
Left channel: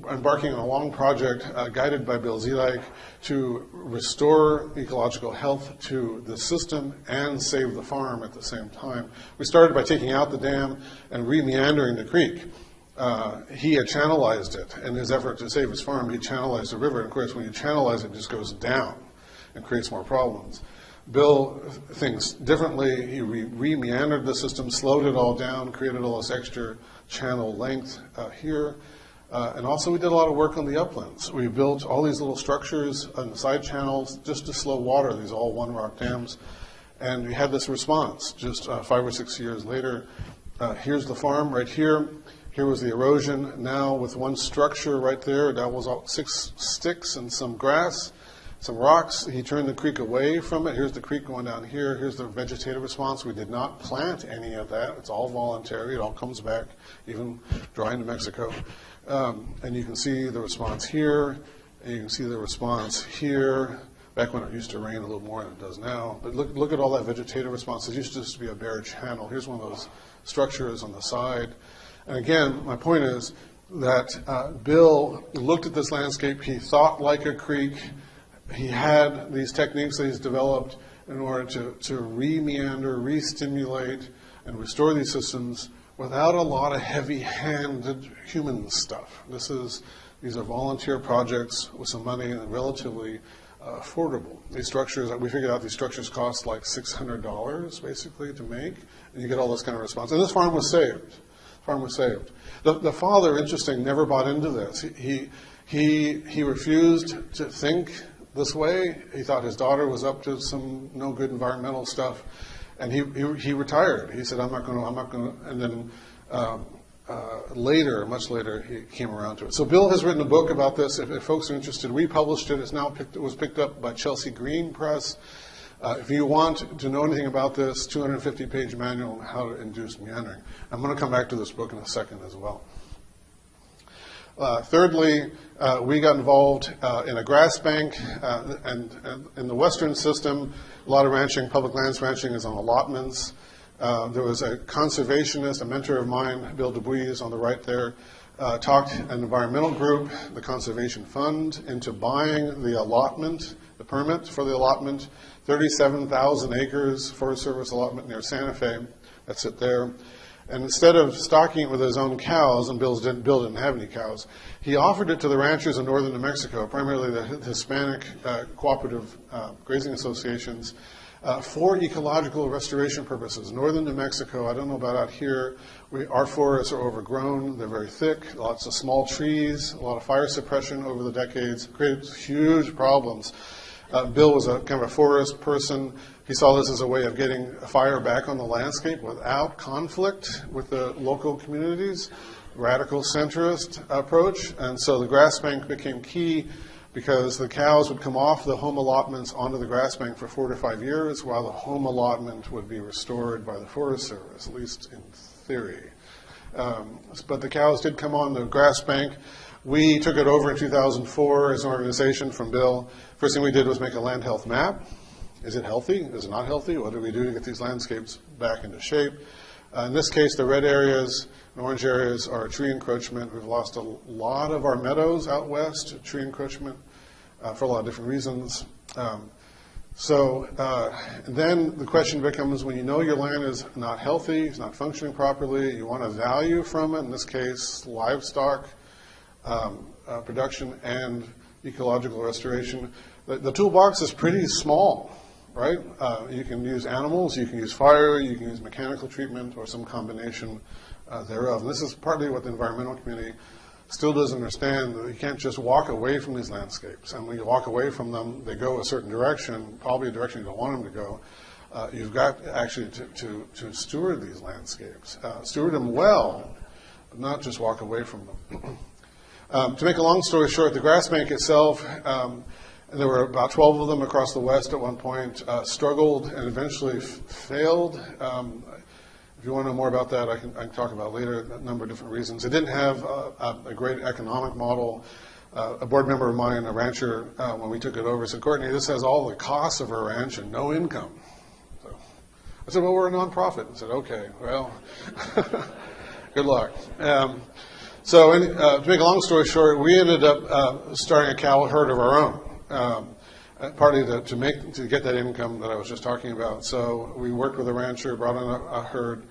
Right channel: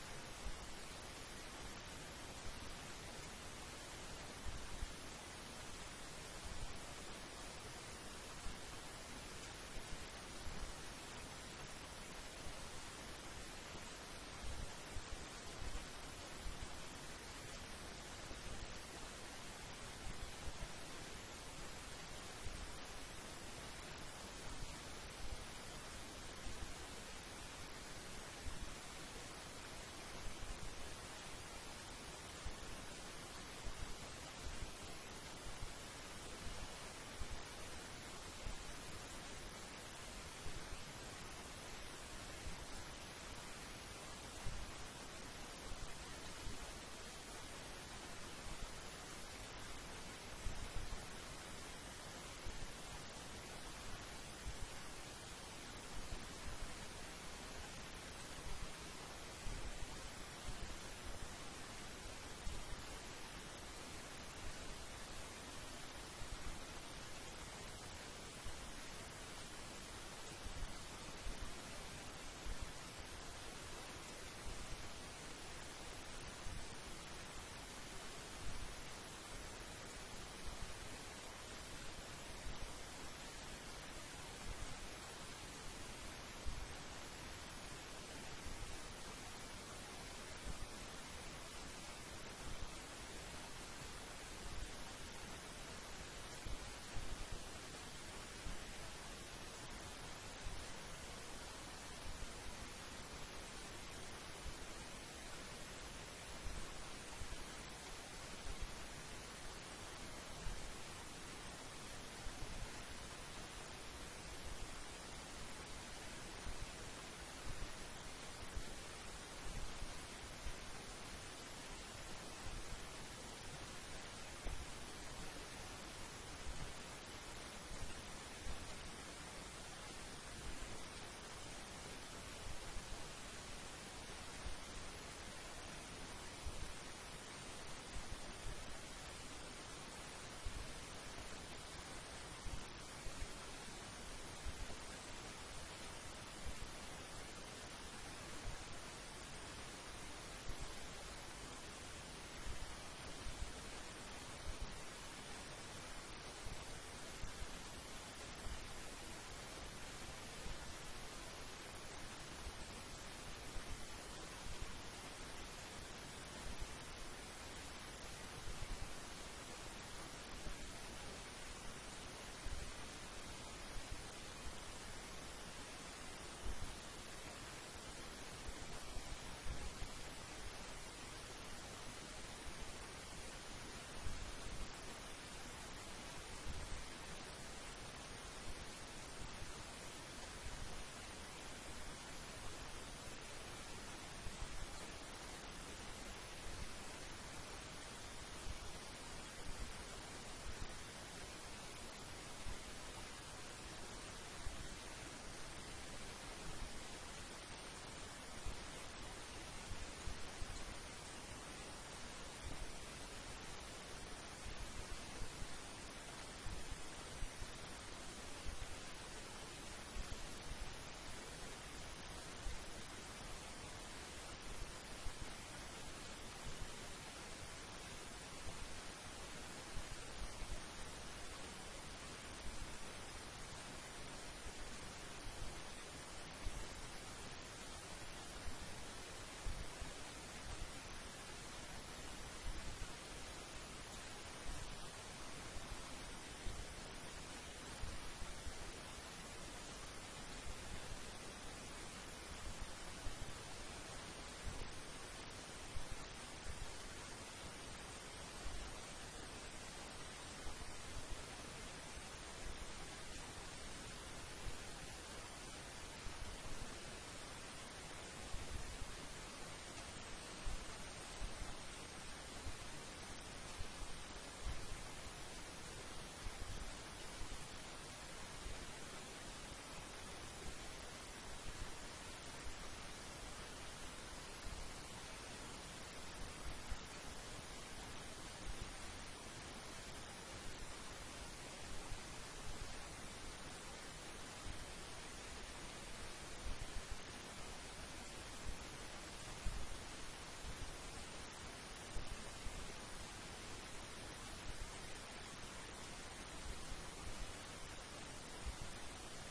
embarking on a long project guided by Bill Zeedyke to restore ecological health to the system and save the farm at the same time. We started by taking out the dam and re-meandering the creek. He had channelized it. In his effort to save his farm, he channelized the river. And of course, when you channelize it, it just goes down and creates more problems. Bill thinks differently. He re-meandered the system, slowed it all down, created all this extra channel length here. And also we did a lot of work on the uplands. We built all these little structures on the side channels just to slow water, these all one rock dams. And we had this response just 5 or 6 years later. Here's the farm right here. Here was the erosion. Now with one structure right there, that was all 6 sticks and some grass, some rocks. He turned the creek away from it. Here's the creek going down here. Here's the vegetative response. We did not plant any of that. It's all voluntary. It all comes back, even dry in New Mexico. And you can see the response here, and you can see the response here, back when it used to rain a little more than it does now. But look at all that vegetative response. It used to just be a bare channel. Here's one of those structures on the side. And again, my point is that Bill looked at this landscape. He thought like a creek. He had these techniques that he's developed in order to re-meander, re-stimulate, and restore these systems without a lot of heavy-handed human stuff. These are volunteer projects with some money and relatively affordable. These structures, we figured out these structures cost like $600 basically to make, and you get all this kind of response. And this farm was saved. The The father, interesting, never bought into this. He refused to think this way. He thought his daughter was up to some no good environmental stuff, and he retired. He said, I'm not going to, and then later, much later, he came around to it. So Bill has written a book about this. If folks are interested, we published it. It was picked up by Chelsea Green Press. If you want to know anything about this, 250-page manual on how to induce meandering. I'm going to come back to this book in a second as well. Thirdly, we got involved in a grass bank, and in the western system, a lot of ranching, public lands ranching is on allotments. There was a conservationist, a mentor of mine, Bill DuBuis, on the right there, talked an environmental group, the Conservation Fund, into buying the allotment, the permit for the allotment, 37,000 acres Forest Service allotment near Santa Fe. That's it there. And instead of stocking it with his own cows, and Bill didn't have any cows, he offered it to the ranchers in northern New Mexico, primarily the Hispanic cooperative grazing associations, for ecological restoration purposes. Northern New Mexico, I don't know about out here, our forests are overgrown, they're very thick, lots of small trees, a lot of fire suppression over the decades, created huge problems. Bill was a kind of a forest person. He saw this as a way of getting fire back on the landscape without conflict with the local communities, radical centrist approach. And so the grass bank became key because the cows would come off the home allotments onto the grass bank for 4 to 5 years while the home allotment would be restored by the Forest Service, at least in theory. But the cows did come on the grass bank. We took it over in 2004 as an organization from Bill. First thing we did was make a land health map. Is it healthy? Is it not healthy? What do we do to get these landscapes back into shape? In this case, the red areas and orange areas are tree encroachment. We've lost a lot of our meadows out west to tree encroachment for a lot of different reasons. Then the question becomes, when you know your land is not healthy, it's not functioning properly, you want a value from it, in this case, livestock production and ecological restoration. The toolbox is pretty small, right? You can use animals, you can use fire, you can use mechanical treatment, or some combination thereof. And this is partly what the environmental community still doesn't understand. You can't just walk away from these landscapes. And when you walk away from them, they go a certain direction, probably a direction you don't want them to go. You've got actually to steward these landscapes. Steward them well, not just walk away from them. To make a long story short, the grass bank itself, there were about 12 of them across the West at one point, struggled and eventually failed. If you want to know more about that, I can talk about later, a number of different reasons. It didn't have a great economic model. A board member of mine, a rancher, when we took it over, said, Courtney, this has all the costs of a ranch and no income. So I said, well, we're a nonprofit. I said, okay, well, good luck. To make a long story short, we ended up starting a cow herd of our own, partly to get that income that I was just talking about. So we worked with a rancher, brought in a herd,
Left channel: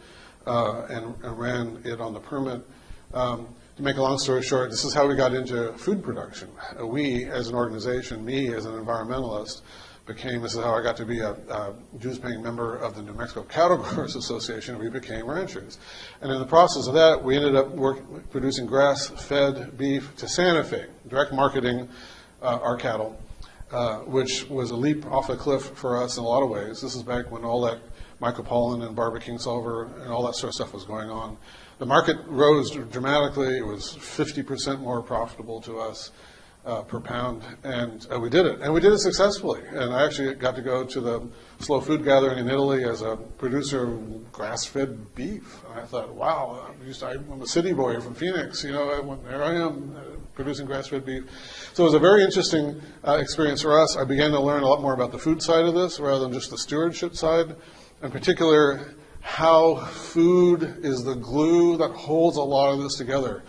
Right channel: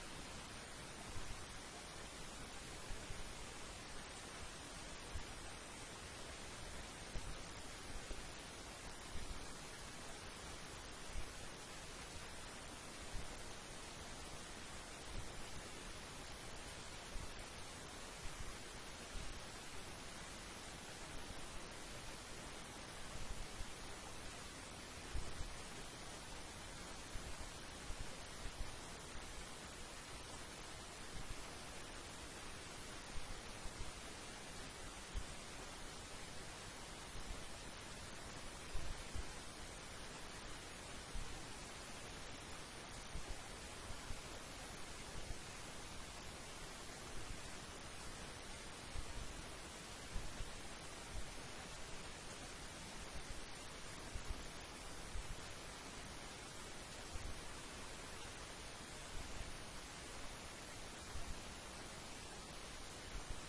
and ran it on the permit. To make a long story short, this is how we got into food production. We, as an organization, me as an environmentalist, this is how I got to be a dues-paying member of the New Mexico Cattle Growers Association. We became ranchers. And in the process of that, we ended up producing grass-fed beef to Santa Fe, direct marketing our cattle, which was a leap off a cliff for us in a lot of ways. This is back when all that Michael Pollan and Barbara Kingsolver and all that sort of stuff was going on. The market rose dramatically. It was 50% more profitable to us per pound, and we did it. And we did it successfully. And I actually got to go to the Slow Food Gathering in Italy as a producer of grass-fed beef. And I thought, wow, I'm a city boy from Phoenix. There I am producing grass-fed beef. So it was a very interesting experience for us. I began to learn a lot more about the food side of this rather than just the stewardship side. In particular, how food is the glue that holds a lot of this together.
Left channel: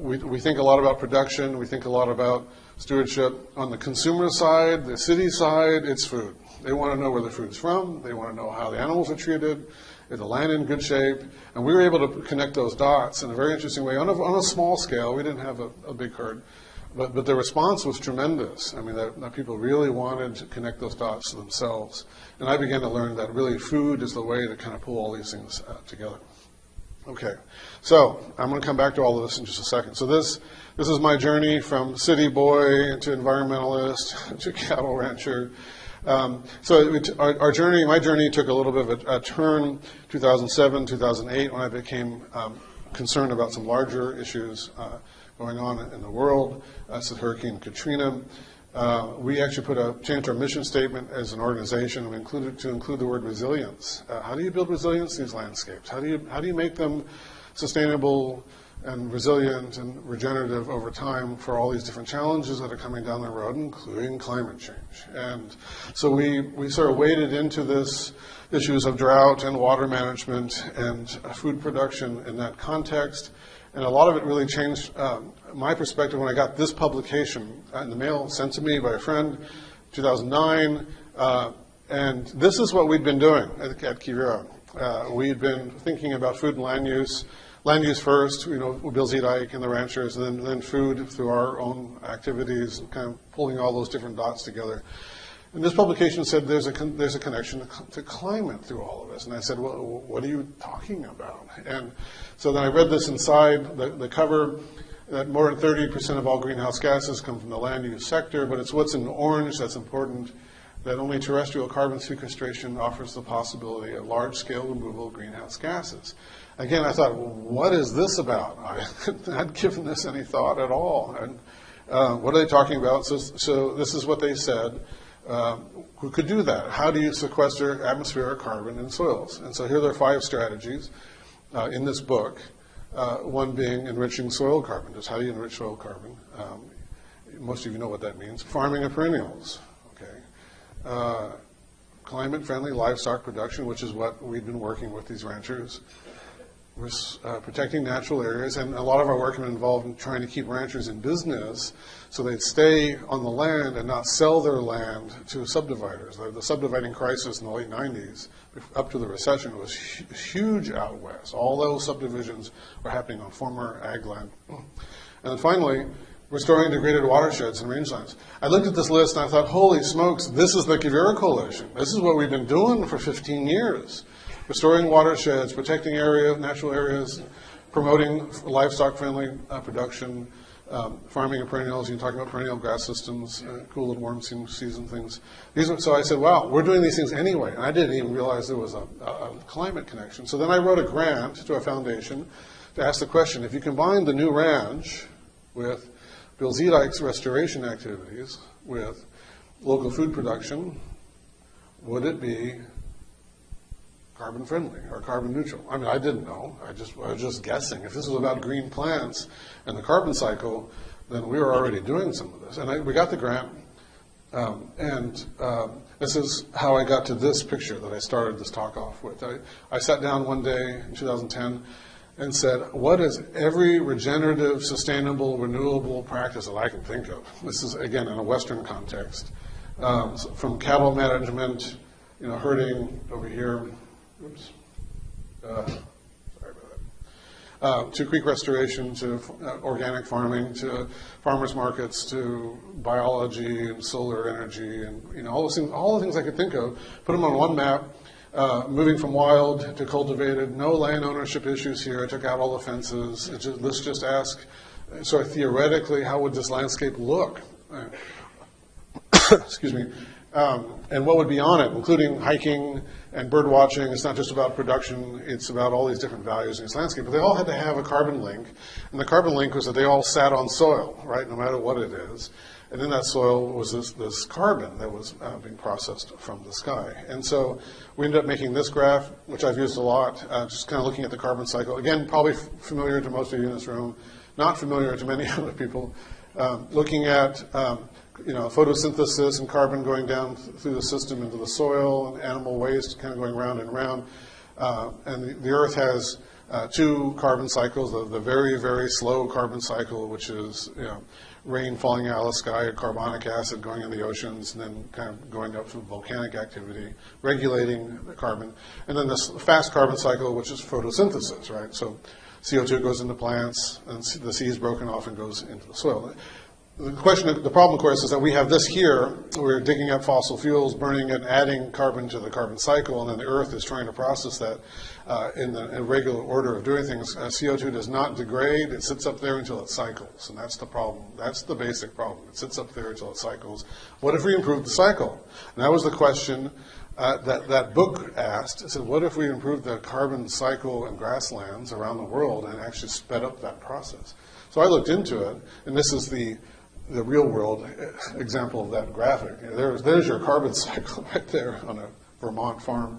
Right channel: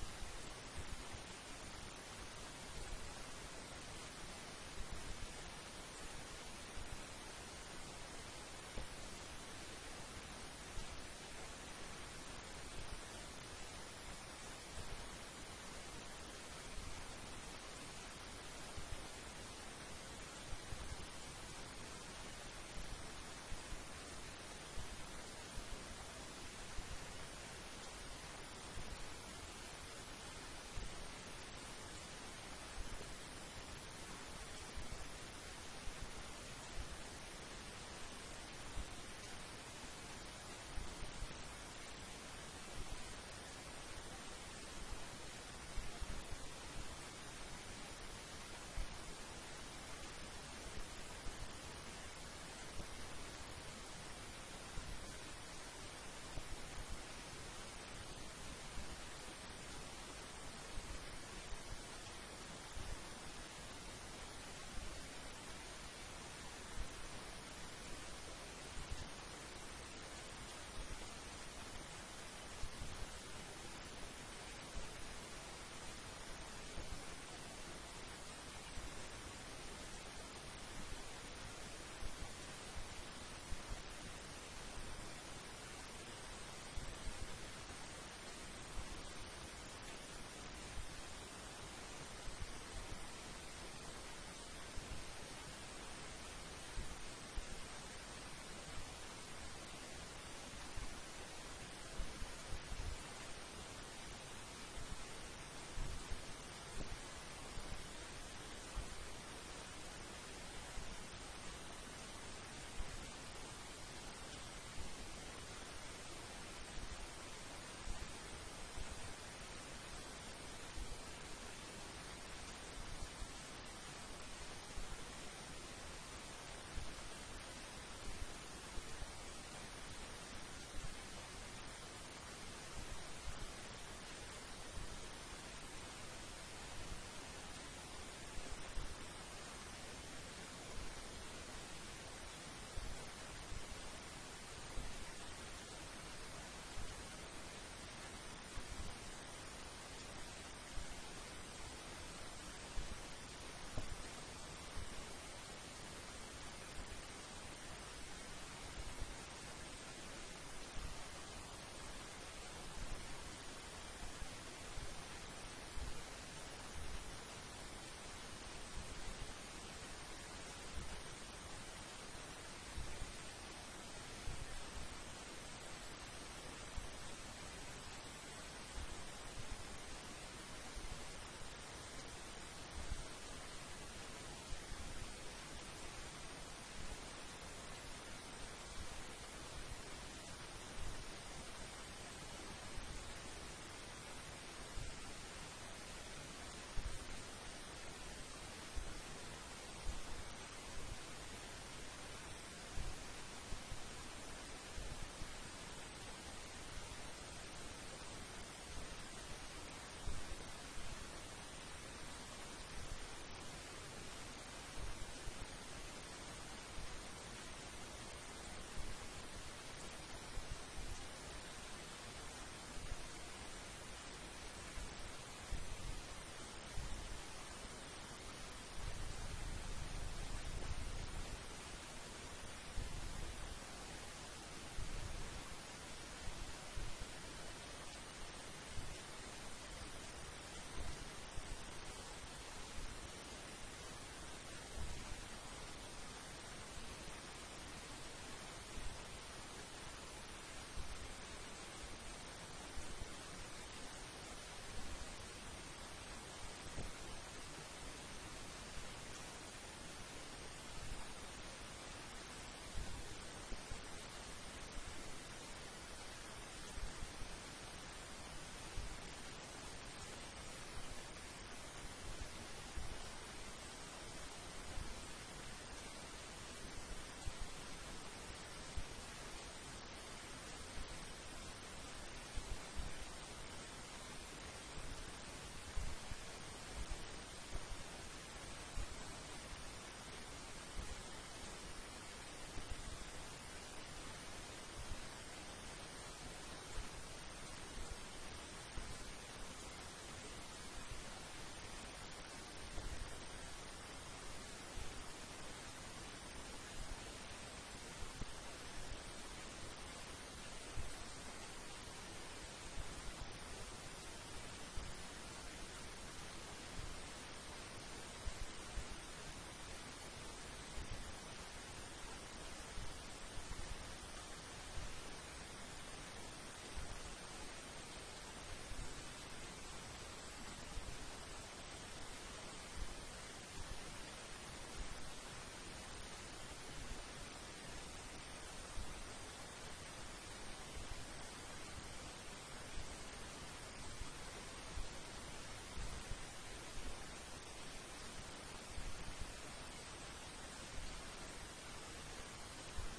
We think a lot about production. We think a lot about stewardship. On the consumer side, the city side, it's food. They want to know where the food's from. They want to know how the animals are treated. Is the land in good shape? And we were able to connect those dots in a very interesting way on a small scale. We didn't have a big herd. But the response was tremendous. I mean, that people really wanted to connect those dots themselves. And I began to learn that really food is the way to kind of pull all these things together. Okay, so I'm going to come back to all of this in just a second. So this is my journey from city boy to environmentalist to cattle rancher. My journey took a little bit of a turn 2007, 2008 when I became concerned about some larger issues going on in the world. That's the Hurricane Katrina. We actually changed our mission statement as an organization to include the word resilience. How do you build resilience in these landscapes? How do you make them sustainable and resilient and regenerative over time for all these different challenges that are coming down the road, including climate change? And so we sort of waded into this issues of drought and water management and food production in that context. And a lot of it really changed my perspective when I got this publication in the mail sent to me by a friend, 2009. And this is what we'd been doing at QUIVIRA. We'd been thinking about food and land use first, Bill Zedike and the ranchers, and then food through our own activities, kind of pulling all those different dots together. And this publication said there's a connection to climate through all of this. And I said, well, what are you talking about? And so then I read this inside the cover, that more than 30% of all greenhouse gases come from the land use sector, but it's what's in orange that's important, that only terrestrial carbon sequestration offers the possibility of large-scale removal of greenhouse gases. Again, I thought, well, what is this about? I hadn't given this any thought at all. And, what are they talking about? So this is what they said. Who could do that? How do you sequester atmospheric carbon in soils? And so here there are 5 strategies in this book. One being enriching soil carbon. Just how do you enrich soil carbon? Most of you know what that means. Farming of perennials. Okay. Climate-friendly livestock production, which is what we've been working with these ranchers. Protecting natural areas, and a lot of our work has been involved in trying to keep ranchers in business so they'd stay on the land and not sell their land to subdividers. The subdividing crisis in the late 90s, up to the recession, was huge out west. All those subdivisions were happening on former ag land. And then finally, restoring degraded watersheds and rangelands. I looked at this list and I thought, holy smokes, this is the QUIVIRA Coalition. This is what we've been doing for 15 years. Restoring watersheds, protecting natural areas, promoting livestock-friendly production, farming of perennials. You can talk about perennial grass systems, cool and warm season things. So I said, wow, we're doing these things anyway. And I didn't even realize there was a climate connection. So then I wrote a grant to a foundation to ask the question, if you combine the new ranch with Bill Zedike's restoration activities with local food production, would it be carbon friendly or carbon neutral? I mean, I didn't know. I was just guessing. If this was about green plants and the carbon cycle, then we were already doing some of this. And we got the grant, and this is how I got to this picture that I started this talk off with. I sat down one day in 2010 and said, what is every regenerative, sustainable, renewable practice that I can think of? This is, again, in a Western context. From cattle management, herding over here, to creek restoration, to organic farming, to farmers markets, to biology and solar energy, and all the things I could think of. Put them on one map. Moving from wild to cultivated, no land ownership issues here. I took out all the fences. Let's just ask, sort of theoretically, how would this landscape look? Excuse me. And what would be on it, including hiking and bird watching. It's not just about production. It's about all these different values in this landscape. But they all had to have a carbon link. And the carbon link was that they all sat on soil, right, no matter what it is. And in that soil was this carbon that was being processed from the sky. And so we ended up making this graph, which I've used a lot, just kind of looking at the carbon cycle. Again, probably familiar to most of you in this room, not familiar to many other people. Looking at photosynthesis and carbon going down through the system into the soil, and animal waste kind of going round and round. And the Earth has 2 carbon cycles, the very, very slow carbon cycle, which is rain falling out of the sky, or carbonic acid going in the oceans, and then kind of going up through volcanic activity, regulating the carbon. And then this fast carbon cycle, which is photosynthesis, right? So CO2 goes into plants, and the sea is broken off and goes into the soil. The problem, of course, is that we have this here. We're digging up fossil fuels, burning it, adding carbon to the carbon cycle, and then the Earth is trying to process that in the irregular order of doing things. CO2 does not degrade. It sits up there until it cycles, and that's the problem. That's the basic problem. It sits up there until it cycles. What if we improve the cycle? And that was the question that book asked. It said, what if we improved the carbon cycle in grasslands around the world and actually sped up that process? So I looked into it, and this is the real world example of that graphic. There's your carbon cycle right there on a Vermont farm.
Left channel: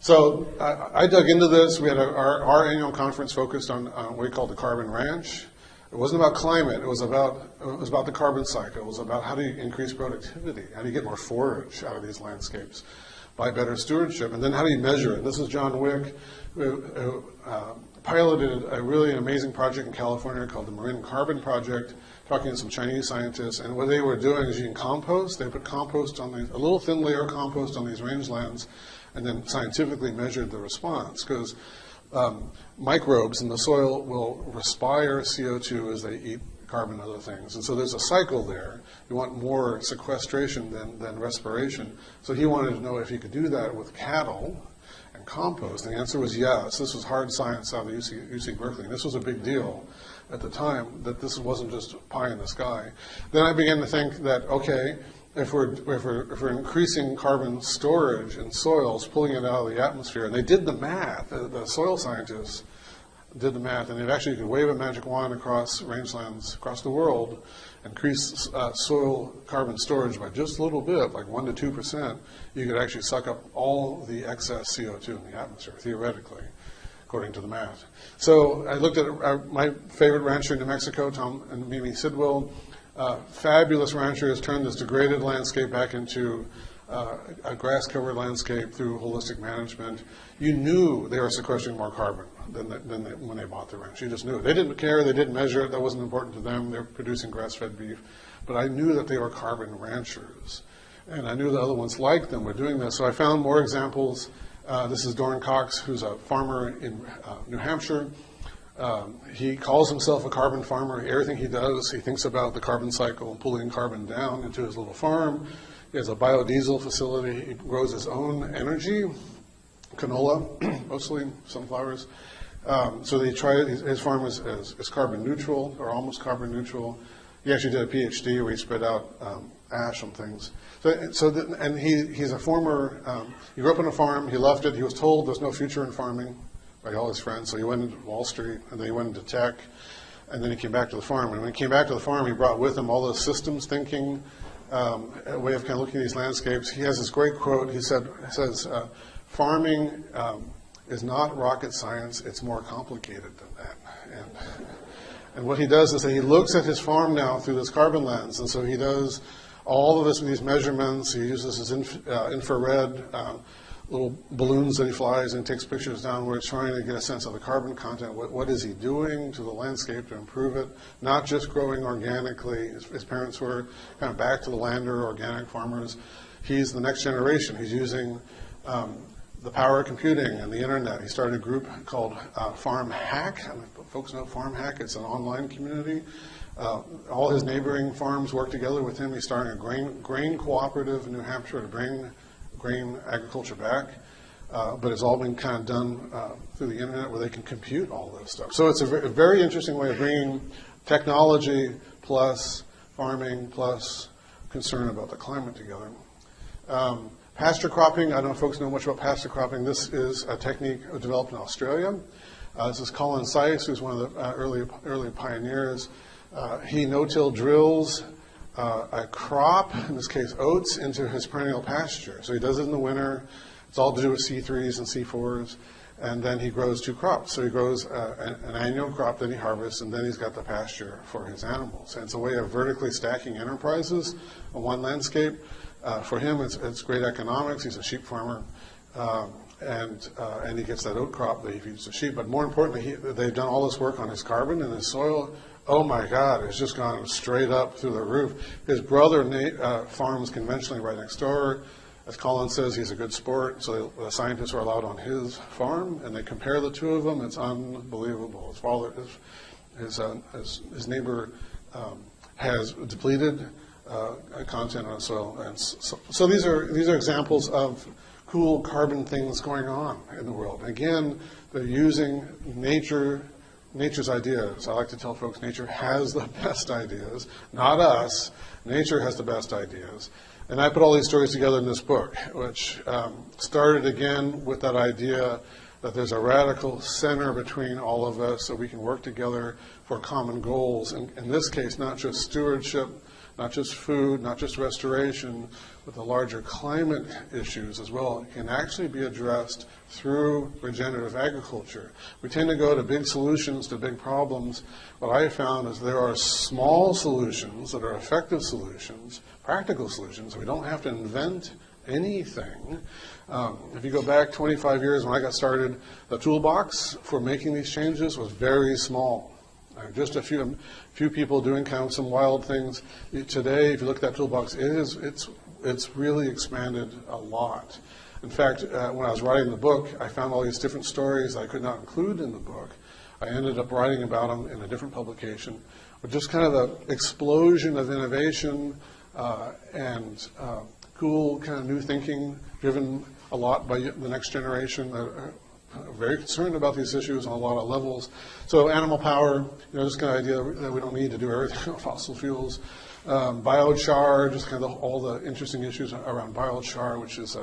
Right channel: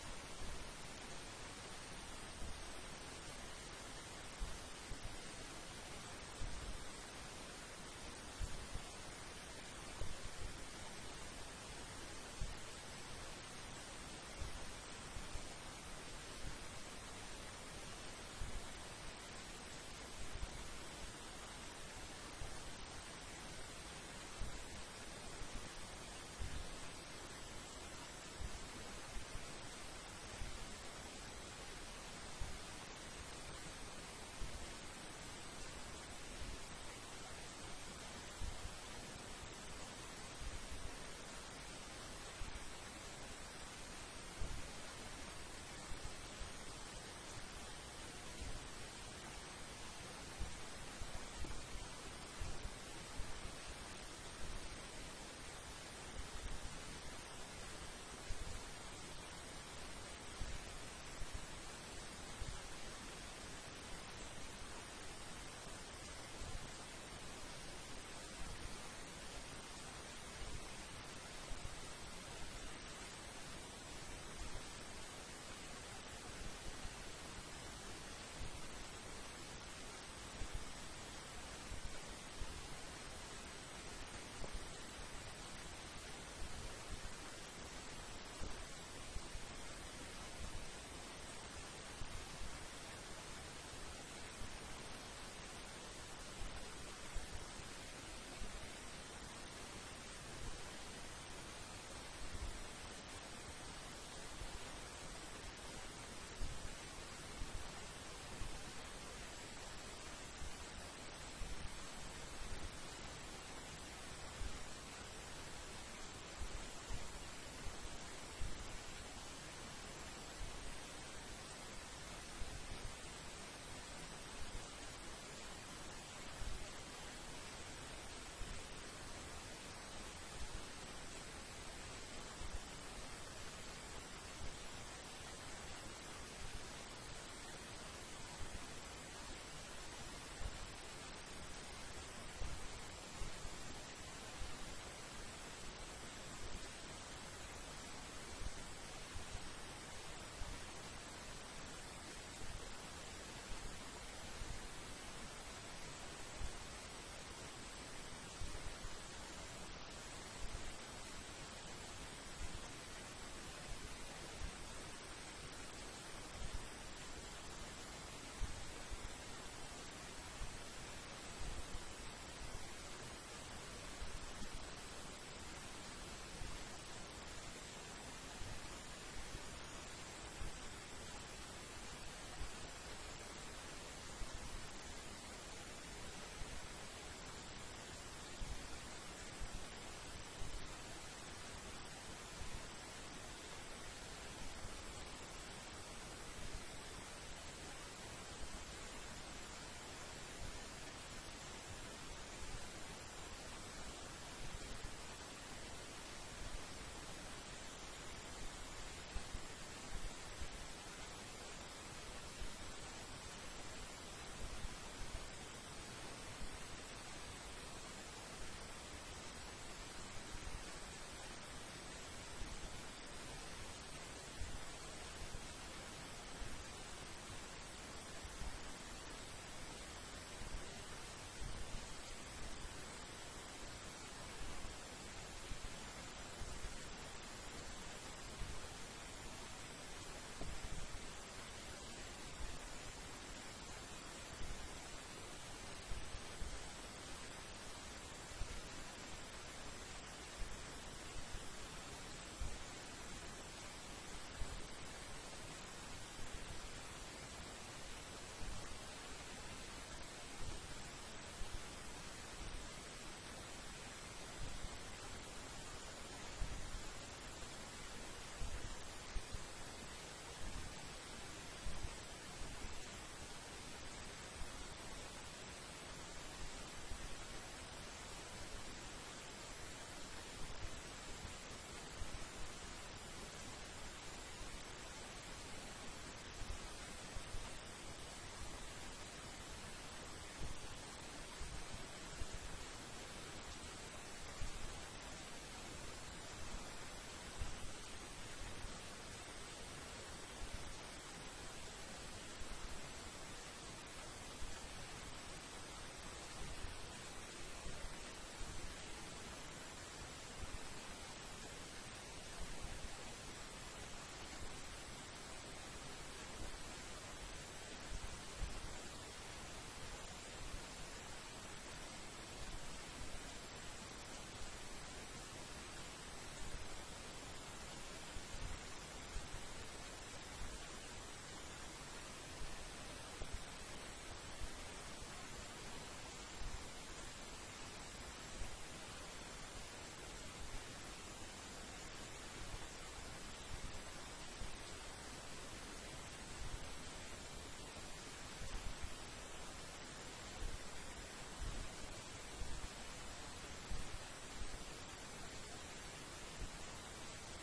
So I dug into this. We had our annual conference focused on what we call the Carbon Ranch. It wasn't about climate. It was about the carbon cycle. It was about how do you increase productivity? How do you get more forage out of these landscapes by better stewardship? And then how do you measure it? This is John Wick, who piloted a really amazing project in California called the Marine Carbon Project, talking to some Chinese scientists. And what they were doing is using compost. They put compost on a little thin layer of compost on these rangelands, and then scientifically measured the response, because microbes in the soil will respire CO2 as they eat carbon and other things. And so there's a cycle there. You want more sequestration than respiration. So he wanted to know if he could do that with cattle and compost. And the answer was yes. This was hard science out of UC Berkeley. And this was a big deal at the time, that this wasn't just pie in the sky. Then I began to think that, okay, if we're increasing carbon storage in soils, pulling it out of the atmosphere, and they did the math, the soil scientists did the math, and they actually could wave a magic wand across rangelands across the world, increase soil carbon storage by just a little bit, like 1% to 2%, you could actually suck up all the excess CO2 in the atmosphere, theoretically, according to the math. So I looked at my favorite rancher in New Mexico, Tom and Mimi Sidwell. Fabulous rancher has turned this degraded landscape back into a grass-covered landscape through holistic management. You knew they were sequestering more carbon than when they bought the ranch. You just knew it. They didn't care. They didn't measure it. That wasn't important to them. They were producing grass-fed beef. But I knew that they were carbon ranchers. And I knew the other ones like them were doing this. So I found more examples. This is Doran Cox, who's a farmer in New Hampshire. He calls himself a carbon farmer. Everything he does, he thinks about the carbon cycle and pulling carbon down into his little farm. He has a biodiesel facility. He grows his own energy, canola, mostly sunflowers. So they try his farm is carbon neutral, or almost carbon neutral. He actually did a PhD where he spread out ash on things. And he's a former, he grew up on a farm, he left it, he was told there's no future in farming by all his friends, so he went into Wall Street, and then he went into tech, and then he came back to the farm. And when he came back to the farm, he brought with him all those systems thinking, a way of kind of looking at these landscapes. He has this great quote. He says, farming is not rocket science, it's more complicated than that. And what he does is that he looks at his farm now through this carbon lens, and so he does all of these measurements. He uses his infrared little balloons that he flies and takes pictures downwards, trying to get a sense of the carbon content. What is he doing to the landscape to improve it? Not just growing organically. His parents were kind of back to the lander, organic farmers. He's the next generation. He's using the power of computing and the internet. He started a group called Farm Hack. Folks know Farm Hack. It's an online community. All his neighboring farms work together with him. He's starting a grain cooperative in New Hampshire to bring grain agriculture back. But it's all been kind of done through the internet where they can compute all this stuff. So it's a very interesting way of bringing technology plus farming plus concern about the climate together. Pasture cropping, I don't know if folks know much about pasture cropping. This is a technique developed in Australia. This is Colin Seiss, who's one of the early pioneers. He no-till drills a crop, in this case oats, into his perennial pasture. So he does it in the winter. It's all to do with C3s and C4s. And then he grows two crops. So he grows an annual crop that he harvests, and then he's got the pasture for his animals. And it's a way of vertically stacking enterprises on one landscape. For him, it's great economics. He's a sheep farmer. And he gets that oat crop that he feeds the sheep. But more importantly, they've done all this work on his carbon and his soil. Oh my God, it's just gone straight up through the roof. His brother farms conventionally right next door. As Colin says, he's a good sport, so the scientists are allowed on his farm, and they compare the two of them. It's unbelievable. His father, his neighbor has depleted content on soil. And so these are examples of cool carbon things going on in the world. And again, they're using nature's ideas. I like to tell folks nature has the best ideas, not us. Nature has the best ideas. And I put all these stories together in this book, which started again with that idea that there's a radical center between all of us so we can work together for common goals. And in this case, not just stewardship, not just food, not just restoration, but the larger climate issues as well can actually be addressed through regenerative agriculture. We tend to go to big solutions to big problems. What I found is there are small solutions that are effective solutions, practical solutions. We don't have to invent anything. If you go back 25 years when I got started, the toolbox for making these changes was very small. Just a few people doing kind of some wild things. Today, if you look at that toolbox, it's really expanded a lot. In fact, when I was writing the book, I found all these different stories I could not include in the book. I ended up writing about them in a different publication. But just kind of the explosion of innovation and cool kind of new thinking driven a lot by the next generation. Very concerned about these issues on a lot of levels. So animal power, this kind of idea that we don't need to do everything with fossil fuels. Biochar, just kind of all the interesting issues around biochar, which is a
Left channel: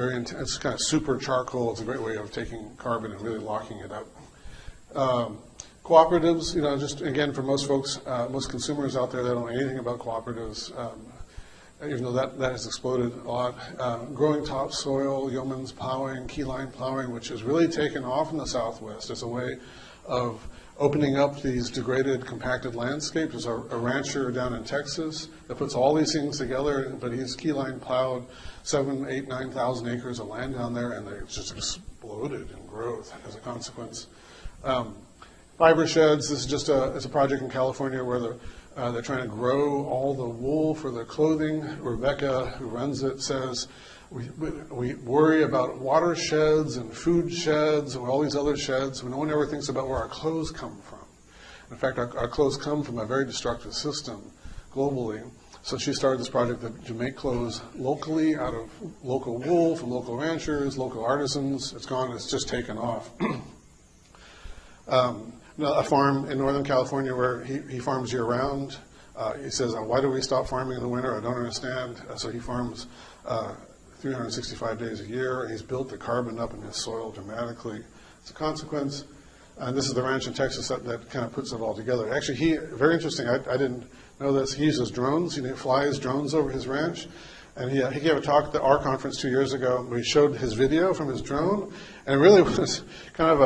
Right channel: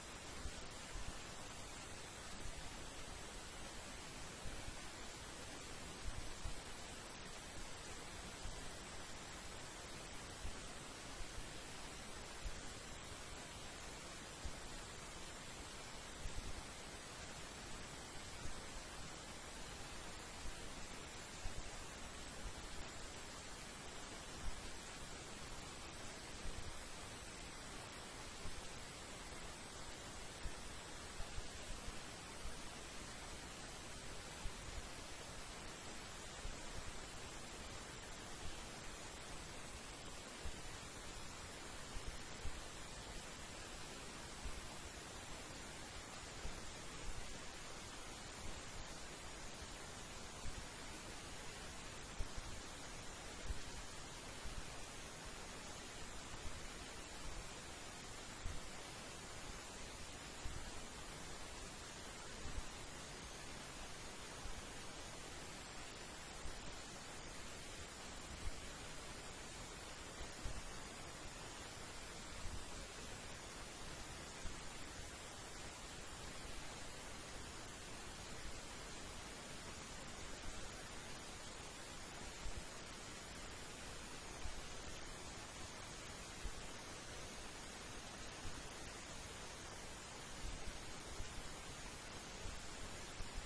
very intense, kind of super charcoal. It's a great way of taking carbon and really locking it up. Cooperatives, just again for most folks, most consumers out there that don't know anything about cooperatives, even though that has exploded a lot. Growing topsoil, yeoman's plowing, keyline plowing, which has really taken off in the Southwest as a way of opening up these degraded, compacted landscapes. There's a rancher down in Texas that puts all these things together, but he's keyline plowed 7,000, 8,000, 9,000 acres of land down there, and they just exploded in growth as a consequence. Fiber sheds, this is just it's a project in California where they're trying to grow all the wool for their clothing. Rebecca, who runs it, says, we worry about water sheds and food sheds and all these other sheds. No one ever thinks about where our clothes come from. In fact, our clothes come from a very destructive system globally. So she started this project to make clothes locally out of local wool from local ranchers, local artisans. It's just taken off. A farm in Northern California where he farms year-round. He says, why do we stop farming in the winter? I don't understand. So he farms 365 days a year. He's built the carbon up in his soil dramatically as a consequence. And this is the ranch in Texas that kind of puts it all together. Actually, very interesting, I didn't know this, he uses drones. He flies drones over his ranch. And he gave a talk at our conference 2 years ago where he showed his video from his drone. And it really was kind of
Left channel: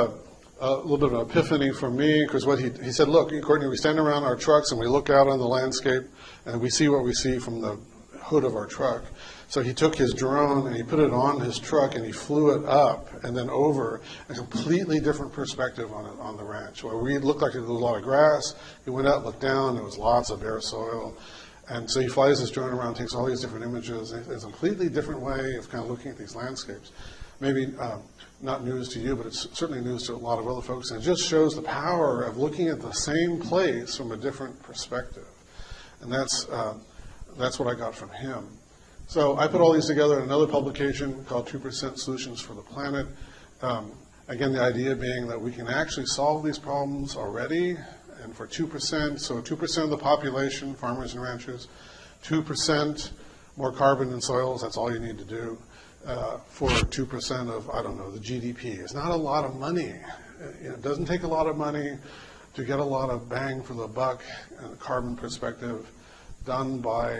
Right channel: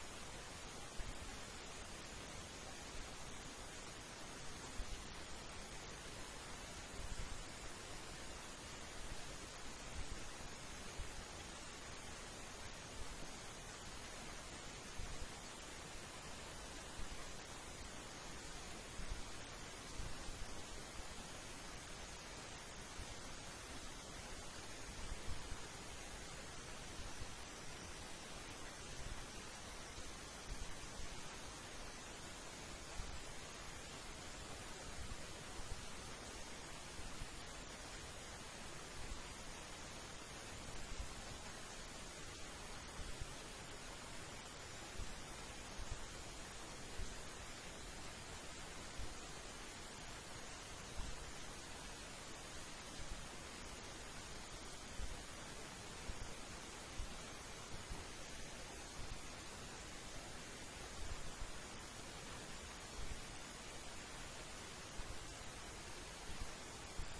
a little bit of an epiphany for me, because what he said, look, Courtney, we stand around our trucks and we look out on the landscape and we see what we see from the hood of our truck. So he took his drone and he put it on his truck and he flew it up and then over, a completely different perspective on the ranch. Where we looked like there was a lot of grass, he went out, looked down, there was lots of bare soil. And so he flies his drone around, takes all these different images. It's a completely different way of kind of looking at these landscapes. Maybe not news to you, but it's certainly news to a lot of other folks. And it just shows the power of looking at the same place from a different perspective. And that's what I got from him. So I put all these together in another publication called 2% Solutions for the Planet. Again, the idea being that we can actually solve these problems already, and for 2%, so 2% of the population, farmers and ranchers, 2% more carbon in soils, that's all you need to do. For 2% of, I don't know, the GDP. It's not a lot of money. It doesn't take a lot of money to get a lot of bang for the buck in a carbon perspective done by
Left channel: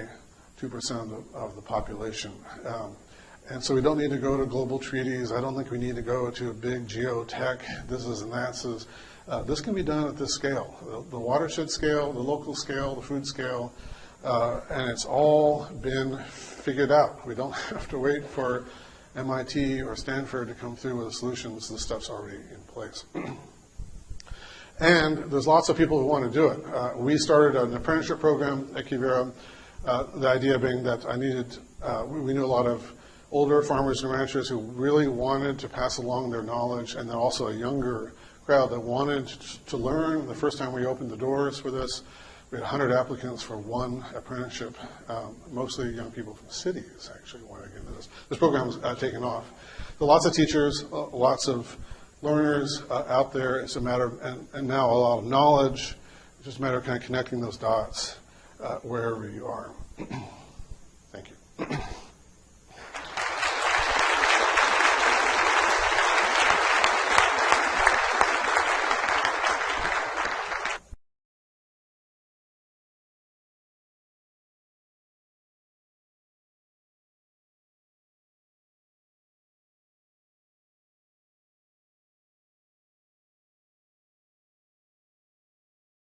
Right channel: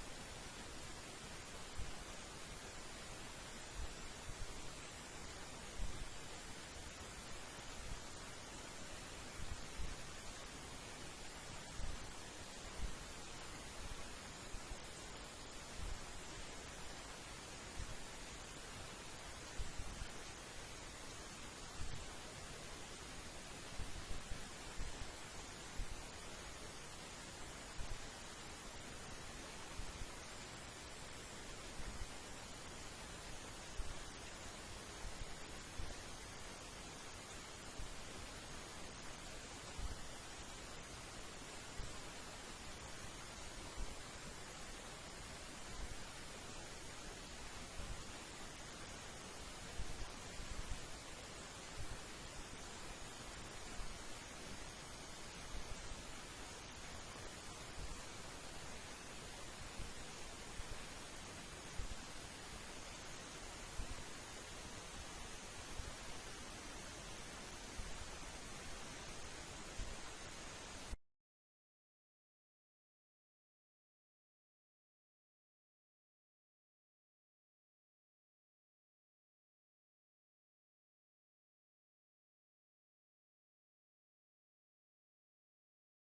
2% of the population. And so we don't need to go to global treaties. I don't think we need to go to a big geotech, this is and that's. This can be done at this scale, the watershed scale, the local scale, the food scale, and it's all been figured out. We don't have to wait for MIT or Stanford to come through with the solutions. This stuff's already in place. And there's lots of people who want to do it. We started an apprenticeship program at QUIVIRA, the idea being that we knew a lot of older farmers and ranchers who really wanted to pass along their knowledge, and then also a younger crowd that wanted to learn. The first time we opened the doors for this, we had 100 applicants for one apprenticeship, mostly young people from the cities actually wanted to get into this. This program was taken off. There are lots of teachers, lots of learners out there. It's a matter of, and now a lot of knowledge. It's just a matter of kind of connecting those dots wherever you are.